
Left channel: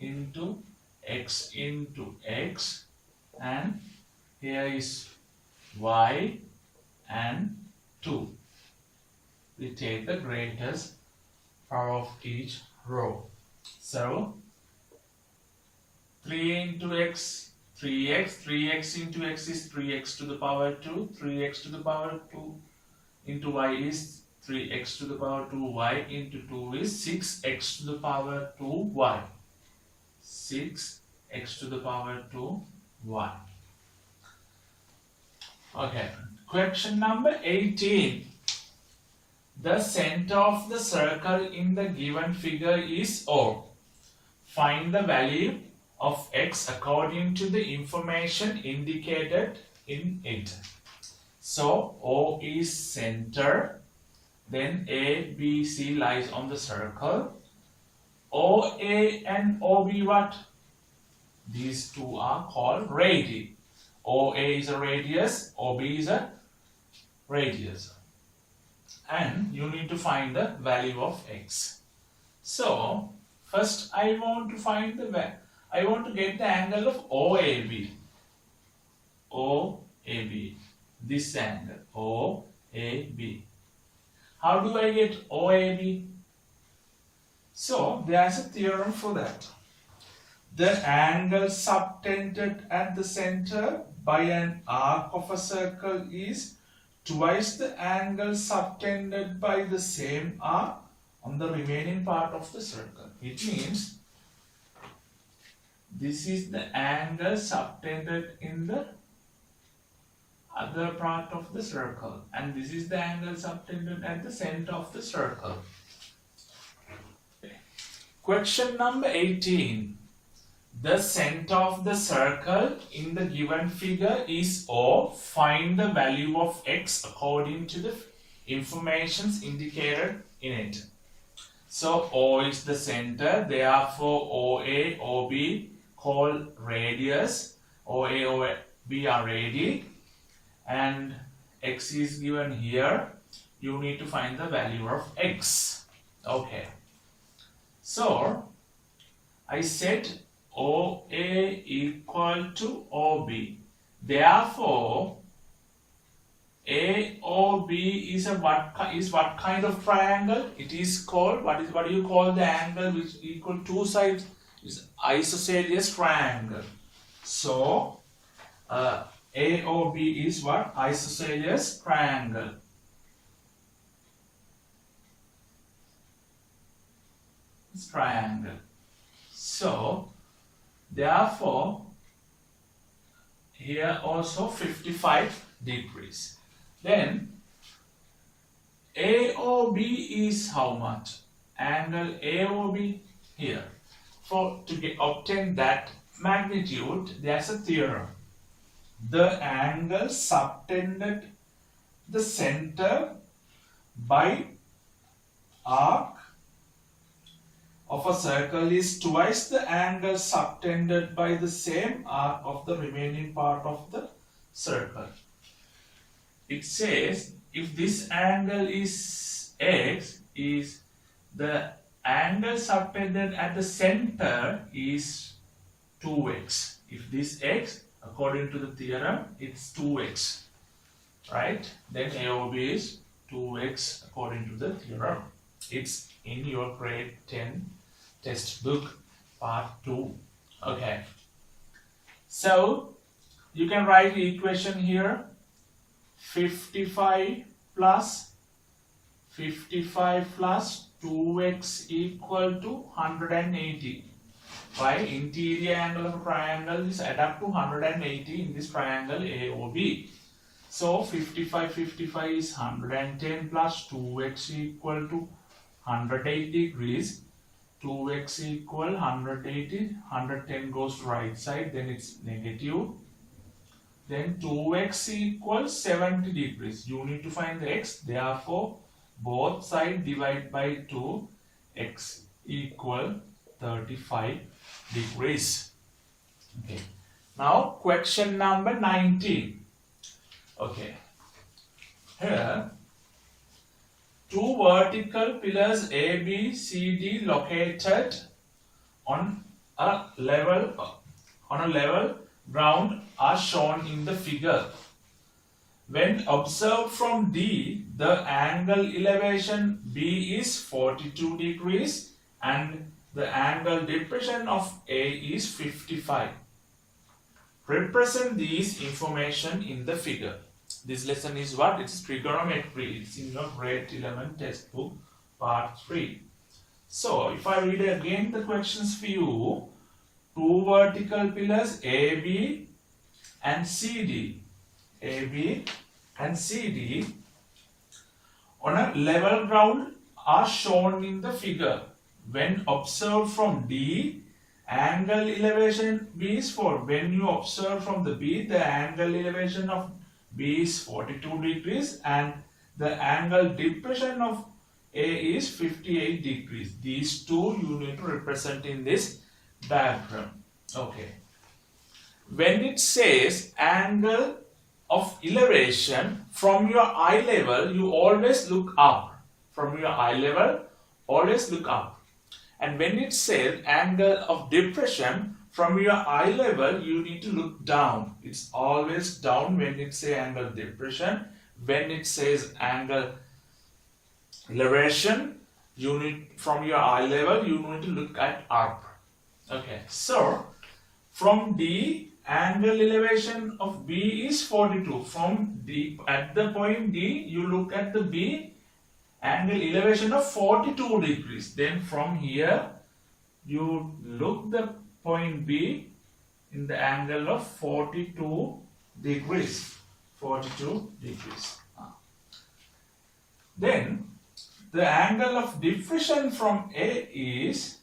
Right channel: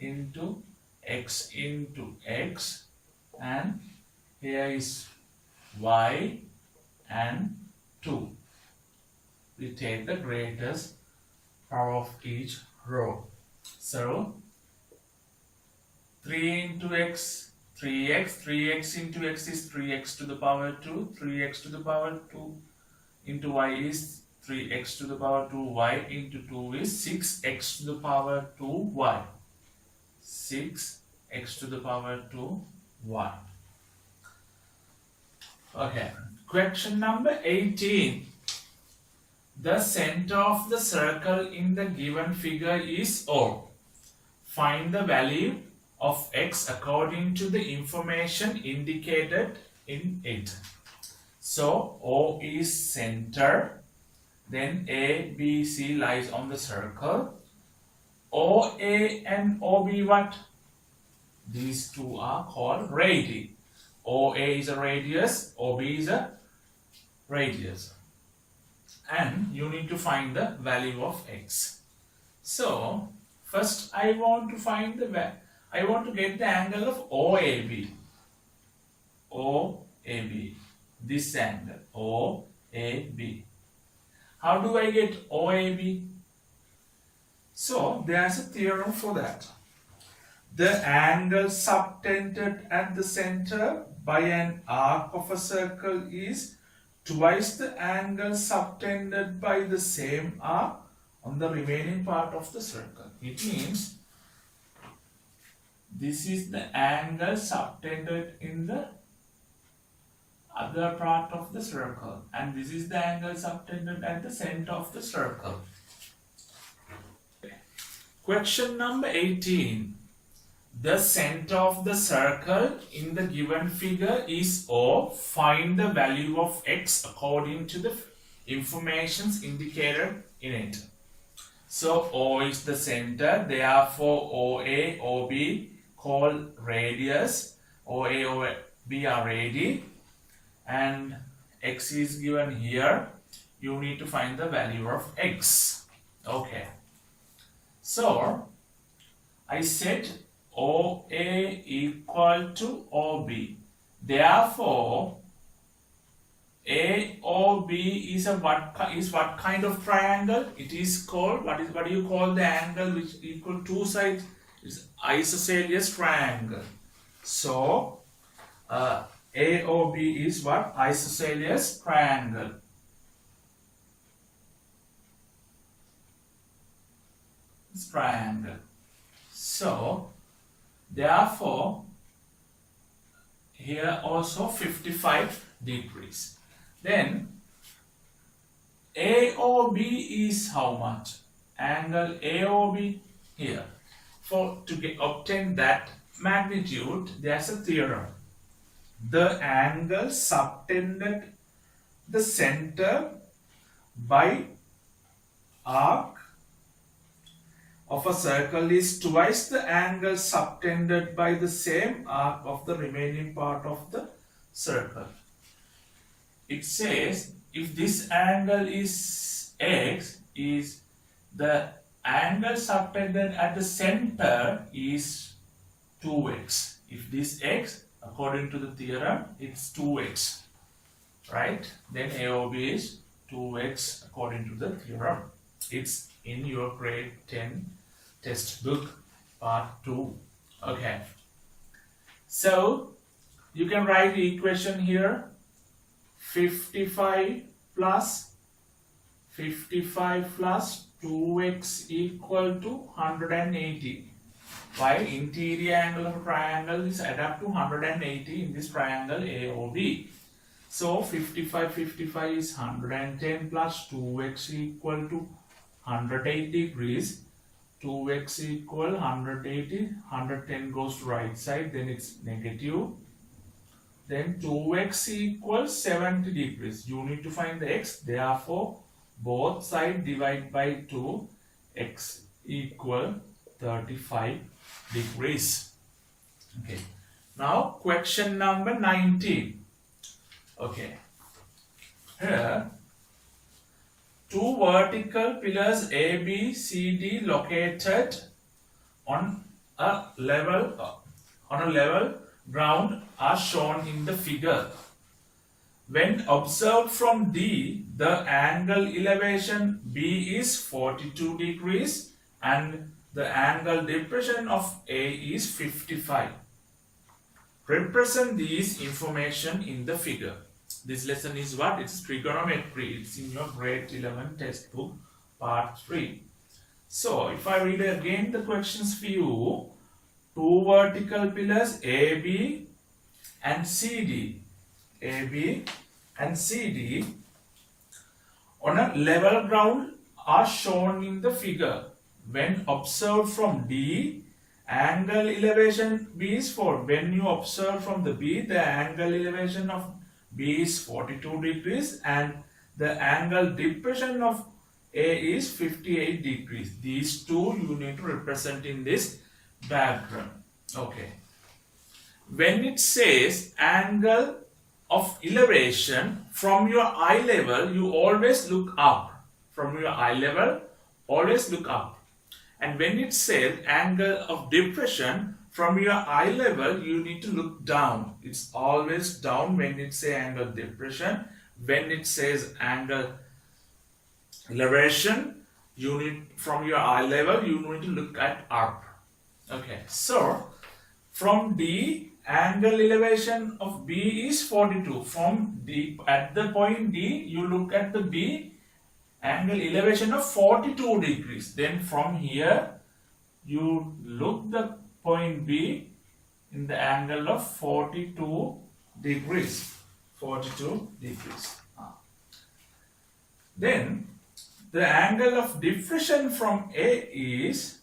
into x, and here is y and 2. We take the greatest power of each row. So 3 into x, 3x, 3x into x is 3x to the power 2, 3x to the power 2 into y is 3x to the power 2, y into 2 is 6x to the power 2, y. 6x to the power 2, y. Okay, question number 18. The center of the circle in the given figure is O. Find the value of x according to the information indicated in it. So O is center, then A, B, C lies on the circle. OA and OB what? These two are called radii. OA is a radius, OB is a radius. And you need to find the value of x. So first I want to get the angle of OAB. OAB. This angle. OAB. How do I get OAB? So there's a theorem for that. The angle subtended at the center by an arc of a circle is twice the angle subtended by the same arc on the remaining part of the circle. It means this is the angle subtended in the other part of the circle, and this is the angle subtended at the center of the circle. Question number 18. The center of the circle in the given figure is O. Find the value of x according to the informations indicated in it. So O is the center, therefore OA, OB called radius. OA, OB are radii, and x is given here. You need to find the value of x. Okay. So I said OA equal to OB. Therefore, AOB is what kind of triangle? It is called, what do you call the angle which equal two sides? Is isosceles triangle. So AOB is what? Isosceles triangle. It's triangle. So therefore here also 55 degrees. Then AOB is how much? Angle AOB here. To obtain that magnitude, there's a theorem. The angle subtended the center by arc of a circle is twice the angle subtended by the same arc of the remaining part of the circle. It says if this angle is x, is the angle subtended at the center is 2x. If this x, according to the theorem, it's 2x, right? Then AOB is 2x according to the theorem. It's in your grade 10 textbook part 2. Okay. So you can write the equation here. 55 plus 2x equal to 180. Why? Interior angle of a triangle is add up to 180 in this triangle AOB. So 55 is 110 plus 2x equal to 180 degrees. 2x equal 180. 110 goes to right side, then it's negative. Then 2x equals 70 degrees. You need to find the x. Therefore, both sides divide by 2. X equal 35 degrees. Okay. Now, question number 19. Okay. Here, two vertical pillars A, B, C, D located on a level ground are shown in the figure. When observed from D, the angle elevation B is 42 degrees and the angle depression of A is 55. Represent these information in the figure. This lesson is what? It's trigonometry. It's in your grade 11 textbook part 3. So if I read again the questions for you, two vertical pillars AB and CD. AB and CD on a level ground are shown in the figure. When observed from D, angle elevation B is 4. When you observe from the B, the angle elevation of B is 42 degrees and the angle depression of A is 58 degrees. These two you need to represent in this diagram. Okay. When it says angle of elevation from your eye level, you always look up. From your eye level, always look up. And when it says angle of depression from your eye level, you need to look down. It's always down when it says angle depression. When it says angle elevation, you need from your eye level, you need to look at up. Okay, so from D, angle elevation of B is 42. From D, at the point D, you look at the B, angle elevation of 42 degrees. Then from here, you look the point B in the angle of 42 degrees. 42 degrees. Then the angle of diffraction from A is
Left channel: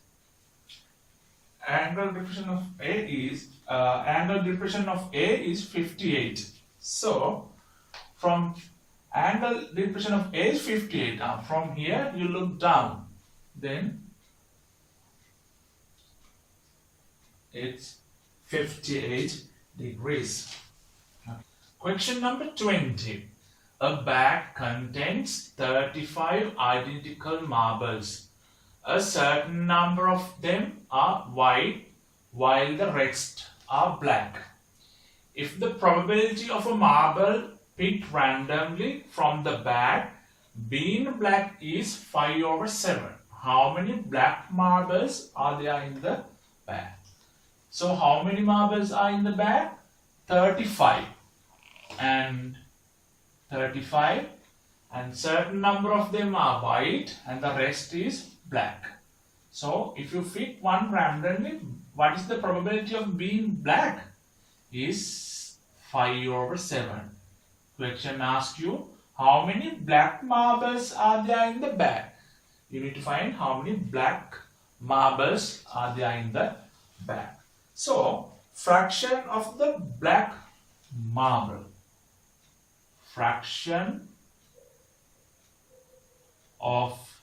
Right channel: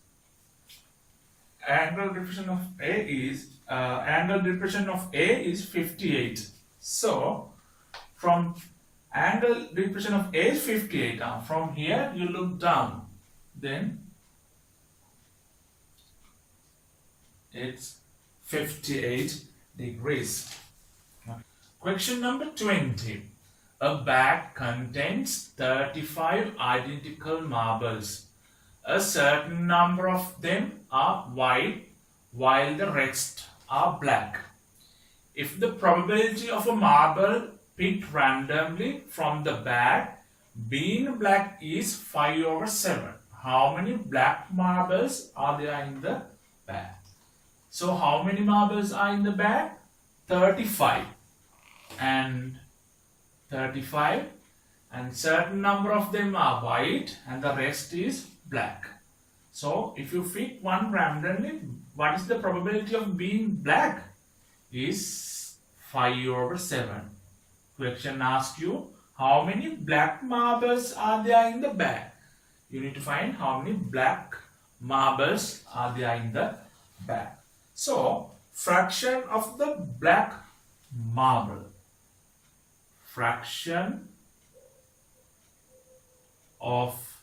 angle diffraction of A is 58. So from angle diffraction of A is 58. From here you look down, then it's 58 degrees. Question number 20. A bag contains 35 identical marbles. A certain number of them are white while the rest are black. If the probability of a marble picked randomly from the bag being black is 5/7, how many black marbles are there in the bag? So how many marbles are in the bag? 35 and 35, and certain number of them are white and the rest is black. So if you pick one randomly, what is the probability of being black? Is 5/7. Question asks you how many black marbles are there in the bag. You need to find how many black marbles are there in the bag. So fraction of the black marble. Fraction of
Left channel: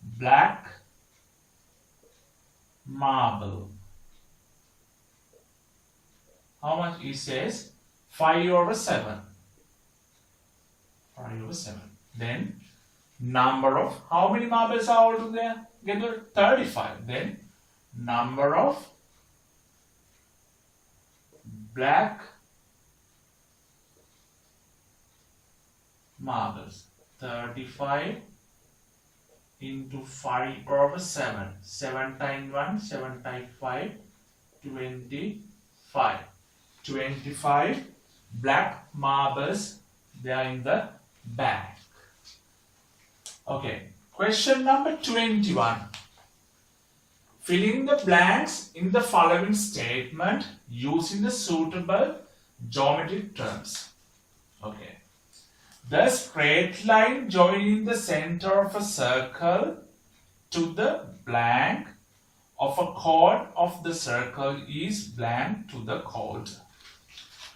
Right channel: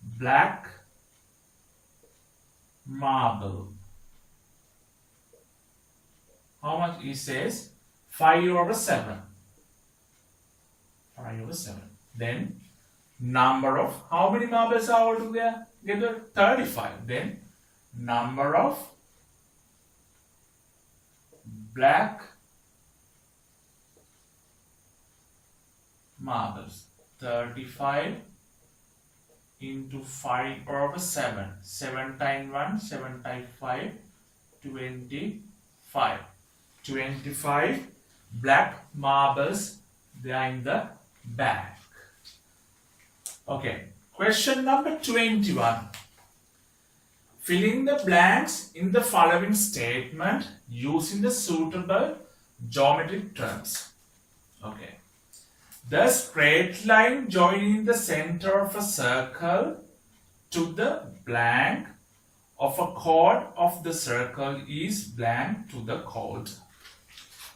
black marble. How much? It says 5/7. 5/7. Then number of, how many marbles are altogether? 35. Then number of black marbles. 35 into 5/7. 7 times 1, 7 times 5, 25. 25 black marbles they are in the bag. Okay. Question number 21. Filling the blanks in the following statement using the suitable geometric terms. Okay. The straight line joining the center of a circle to the blank of a chord of the circle is blank to the chord.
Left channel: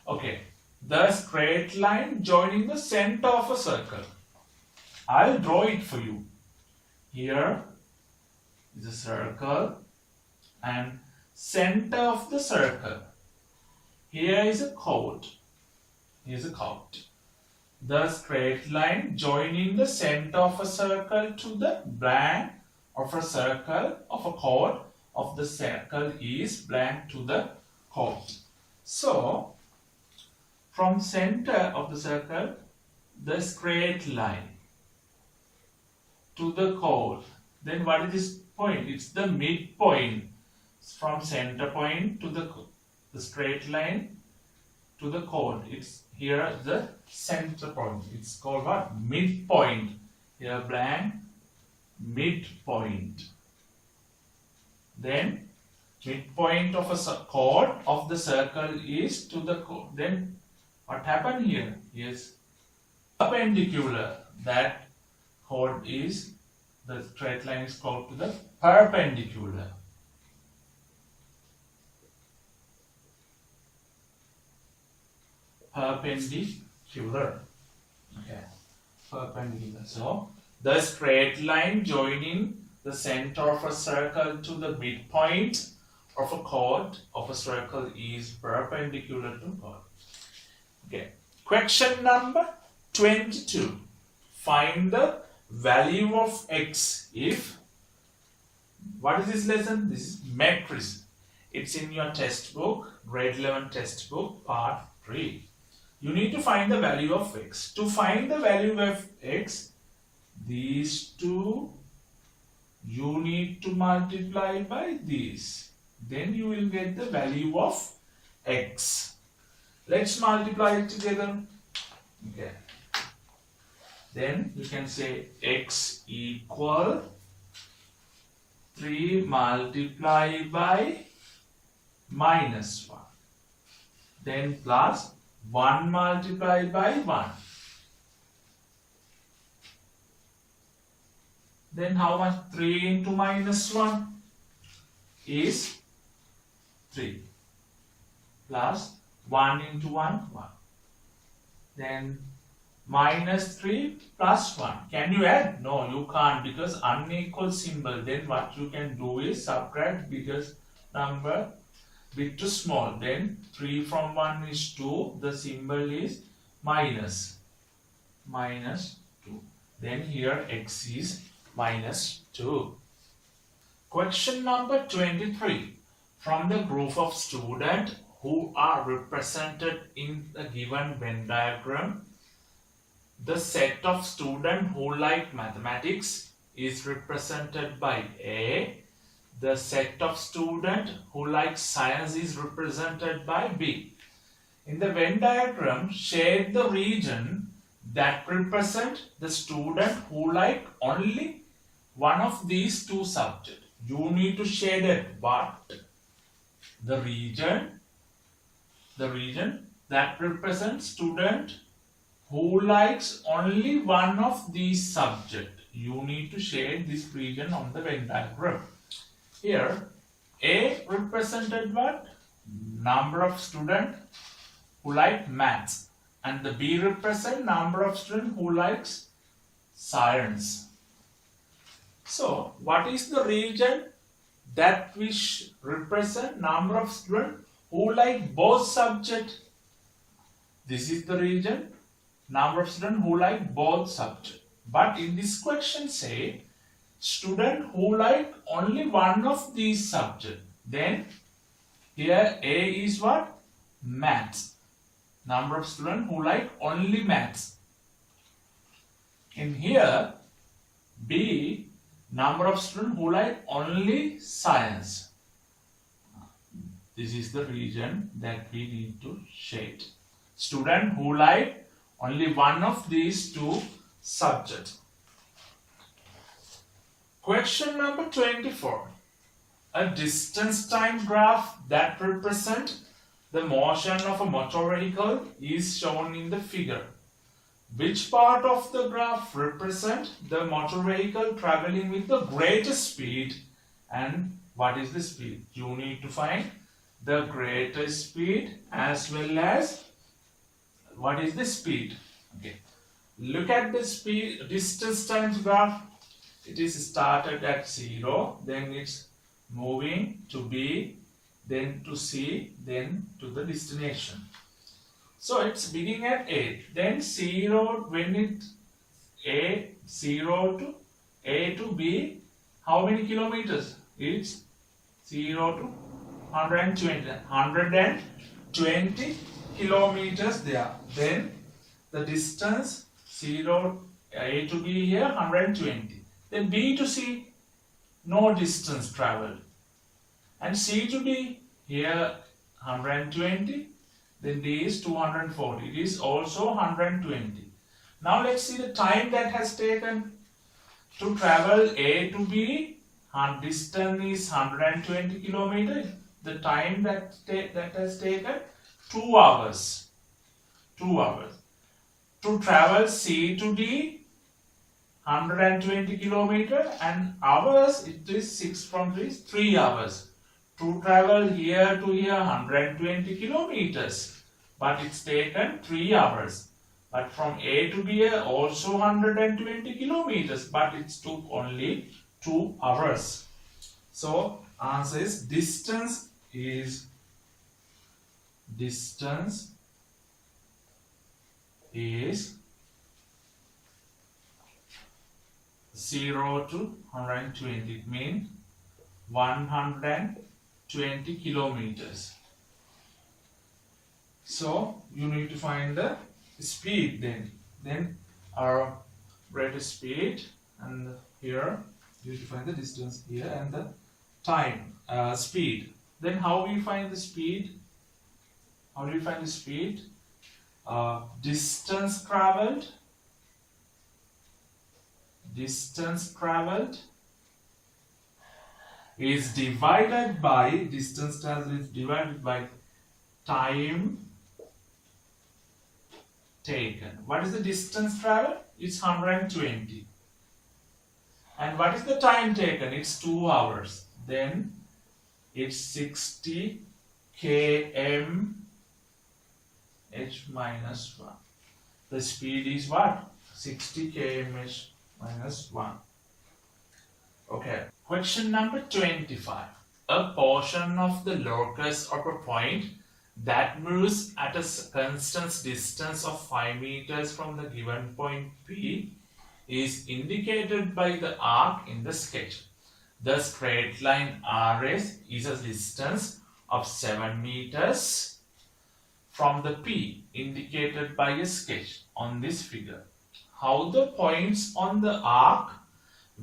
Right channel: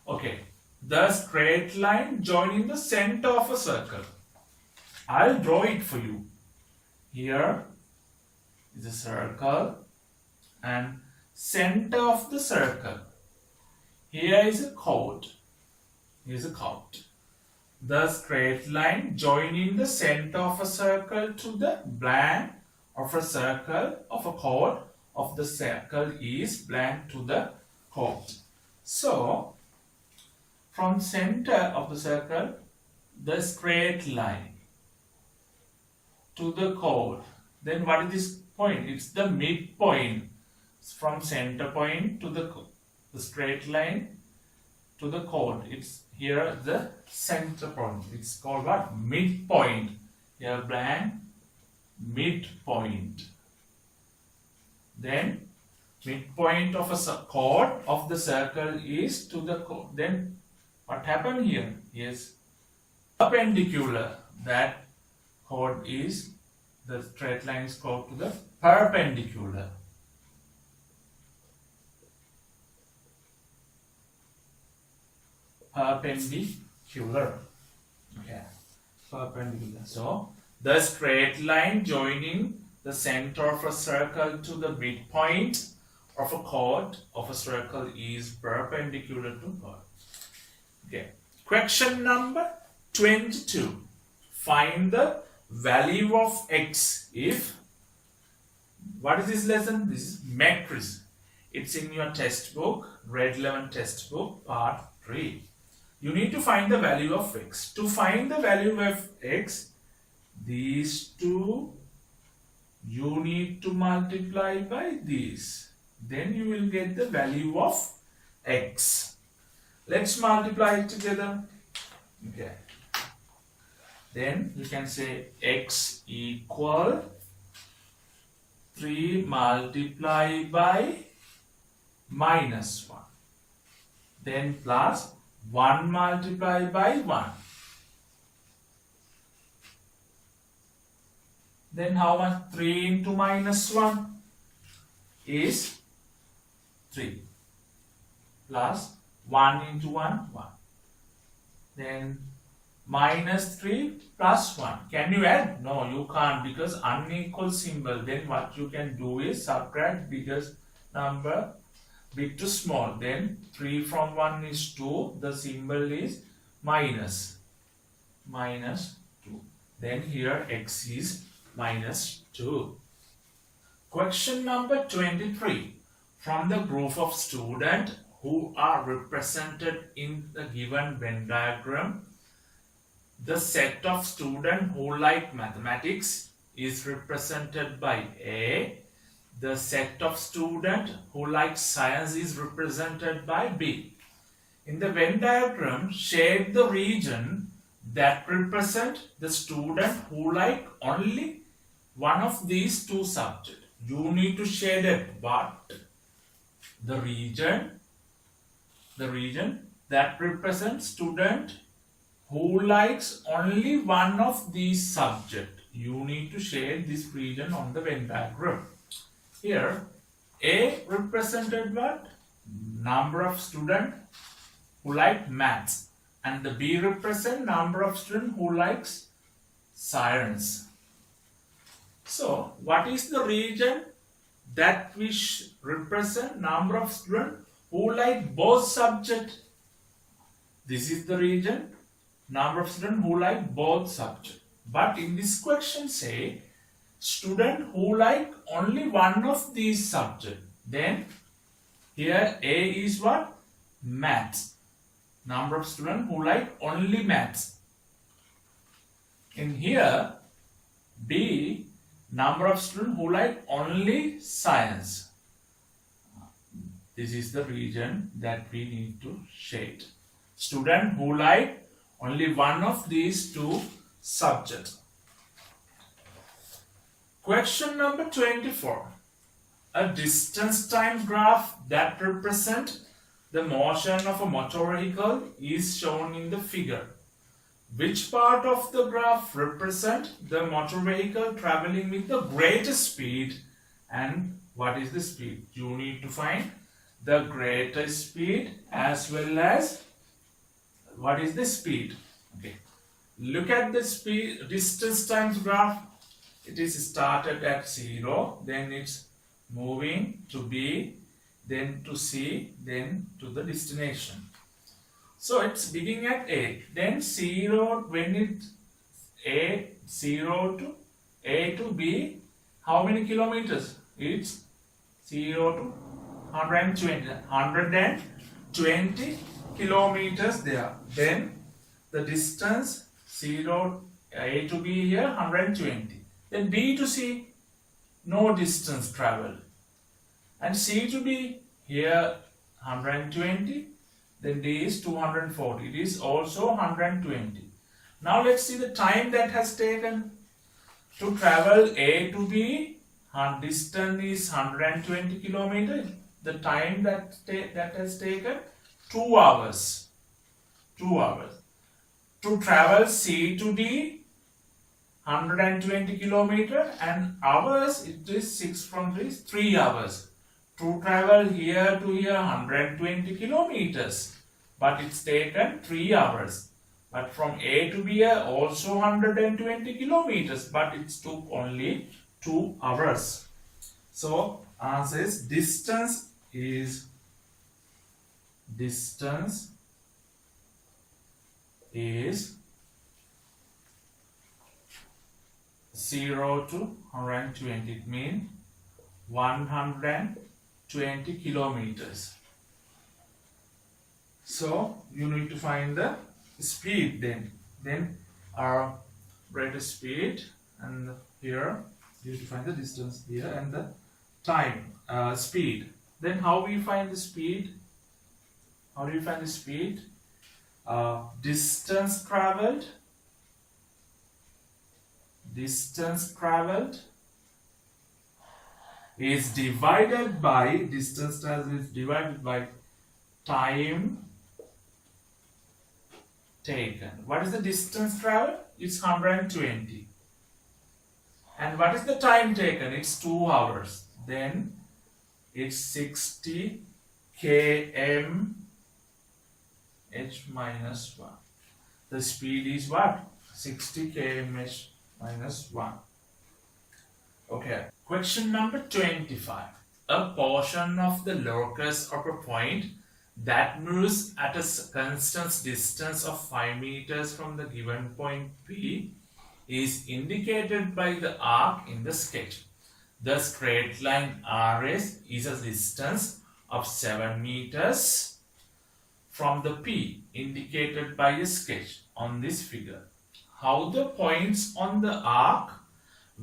Okay. The straight line joining the center of a circle. I'll draw it for you. Here is a circle and center of the circle. Here is a chord. Here's a chord. The straight line joining the center of a circle to the blank of a circle of a chord of the circle is blank to the chord. So from center of the circle, the straight line to the chord. Then what is this point? It's the midpoint. From center point to the straight line to the chord. It's here the center point. It's called what? Midpoint. Here blank, midpoint. Then midpoint of a chord of the circle is to the chord. Then what happened here? Yes, perpendicular. That chord is, the straight line is called to the perpendicular. Perpendicular. Okay. Perpendicular. So the straight line joining the center of a circle to the midpoint of a chord of a circle is perpendicular to chord. Okay. Question number 22. Find the value of x if, what is this lesson? This is matrix. It's in your textbook, grade 11 textbook, part 3. You need to find the value of x. To find the value of x, these two you need to multiply by these. Then you will get the value of x. Let's multiply it together. Okay. Then you can say x equal 3 multiplied by -1. Then plus 1 multiplied by 1. Then how much? 3 into minus 1 is 3. Plus 1 into 1, 1. Then minus 3 plus 1. Can you add? No, you can't, because unequal symbol. Then what you can do is subtract biggest number big to small. Then 3 from 1 is 2. The symbol is minus. Minus 2. Then here x is minus 2. Question number 23. From the group of students who are represented in the given Venn diagram, the set of students who like mathematics is represented by A. The set of students who like science is represented by B. In the Venn diagram, shade the region that represent the student who like only one of these two subjects. You need to shade it, but the region that represents student who likes only one of these subjects. You need to shade this region on the Venn diagram. Here, A represented what? Number of students who like maths, and the B represent number of students who likes science. So, what is the region that which represent number of students who like both subjects? This is the region, number of students who like both subjects. But in this question say, student who like only one of these subjects. Then here A is what? Maths. Number of students who like only maths. In here B, number of students who like only science. This is the region that we need to shade. Student who like only one of these two subjects. Question number 24. A distance time graph that represents the motion of a motor vehicle is shown in the figure. Which part of the graph represents the motor vehicle traveling with the greatest speed, and what is the speed? You need to find the greatest speed as well as what is the speed. Okay. Look at the speed distance times graph. It is started at 0, then it's moving to B, then to C, then to the destination. So it's beginning at A, then 0, when it A, 0 to A to B, how many kilometers? It's 0 to 120 kilometers there. Then the distance 0 A to B here 120. Then B to C, no distance traveled. And C to D here 120. Then D is 240. It is also 120. Now let's see the time that has taken to travel A to B. Distance is 120 kilometers. The time that has taken 2 hours. 2 hours. To travel C to D, 120 kilometers, and hours, it is 6 from 3 hours. To travel here to here 120 kilometers, but it's taken 3 hours. But from A to B also 120 kilometers, but it took only 2 hours. So answer is distance is 0 to 120. It means 120 kilometers. So you need to find the speed then our rate of speed, and here you need to find the distance here and the time speed. Then how we find the speed? How do you find the speed? Distance traveled is divided by time taken. What is the distance traveled? It's 120. And what is the time taken? It's 2 hours. Then it's 60 km h minus 1. The speed is what? 60 km h minus 1. Okay. Question number 25. A portion of the locus of a point that moves at a constant distance of 5 meters from the given point P is indicated by the arc in the sketch. The straight line RS is a distance of 7 meters from the P indicated by a sketch on this figure. How the points on the arc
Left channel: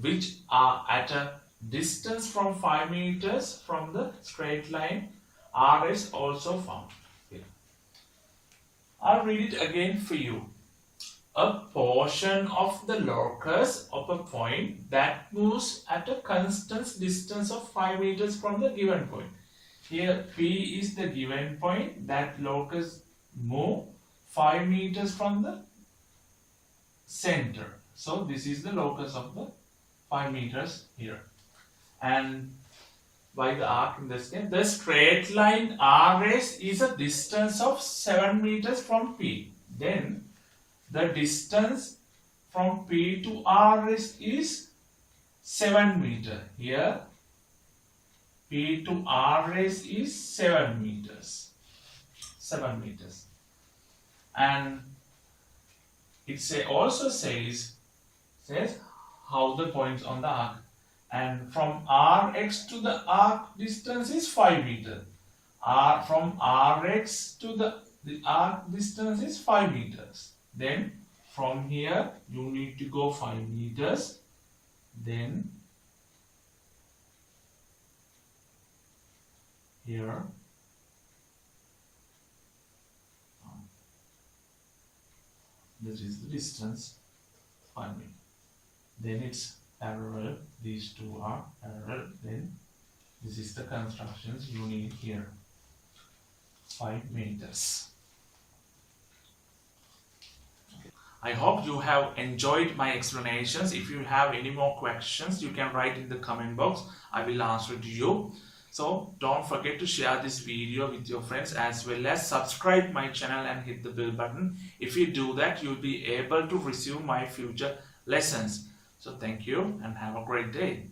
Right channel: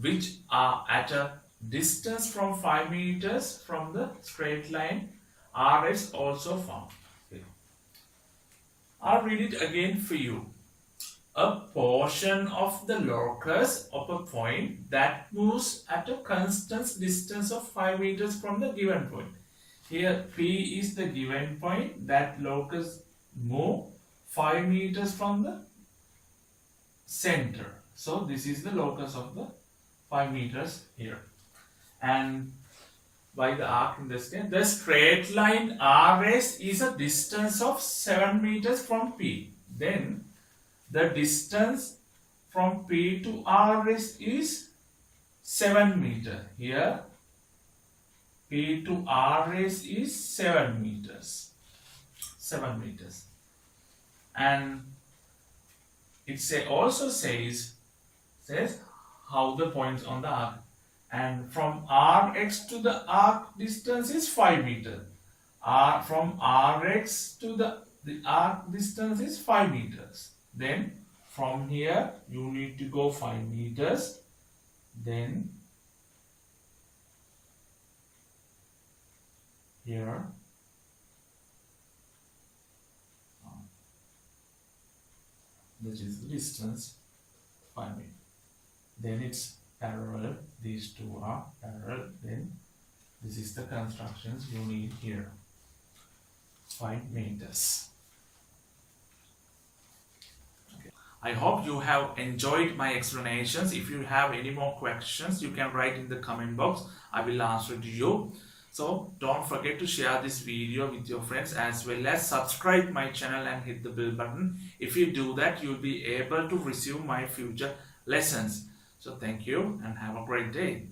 which are at a distance from 5 meters from the straight line RS also found. Okay. I'll read it again for you. A portion of the locus of a point that moves at a constant distance of 5 meters from the given point. Here P is the given point. That locus move 5 meters from the center. So this is the locus of the 5 meters here. And by the arc in this case, the straight line RS is a distance of 7 meters from P. Then the distance from P to RS is 7 meters. Here P to RS is 7 meters. 7 meters. And it also says how the points on the arc. And from Rx to the arc distance is 5 meters. From Rx to the arc distance is 5 meters. Then from here you need to go 5 meters. Then here this is the distance 5 meters. Then it's parallel, these two are parallel. Then this is the constructions you need here, 5 meters. Okay. I hope you have enjoyed my explanations. If you have any more questions, you can write in the comment box. I will answer to you. So don't forget to share this video with your friends, as well as subscribe my channel and hit the bell button. If you do that, you'll be able to receive my future lessons. So thank you and have a great day.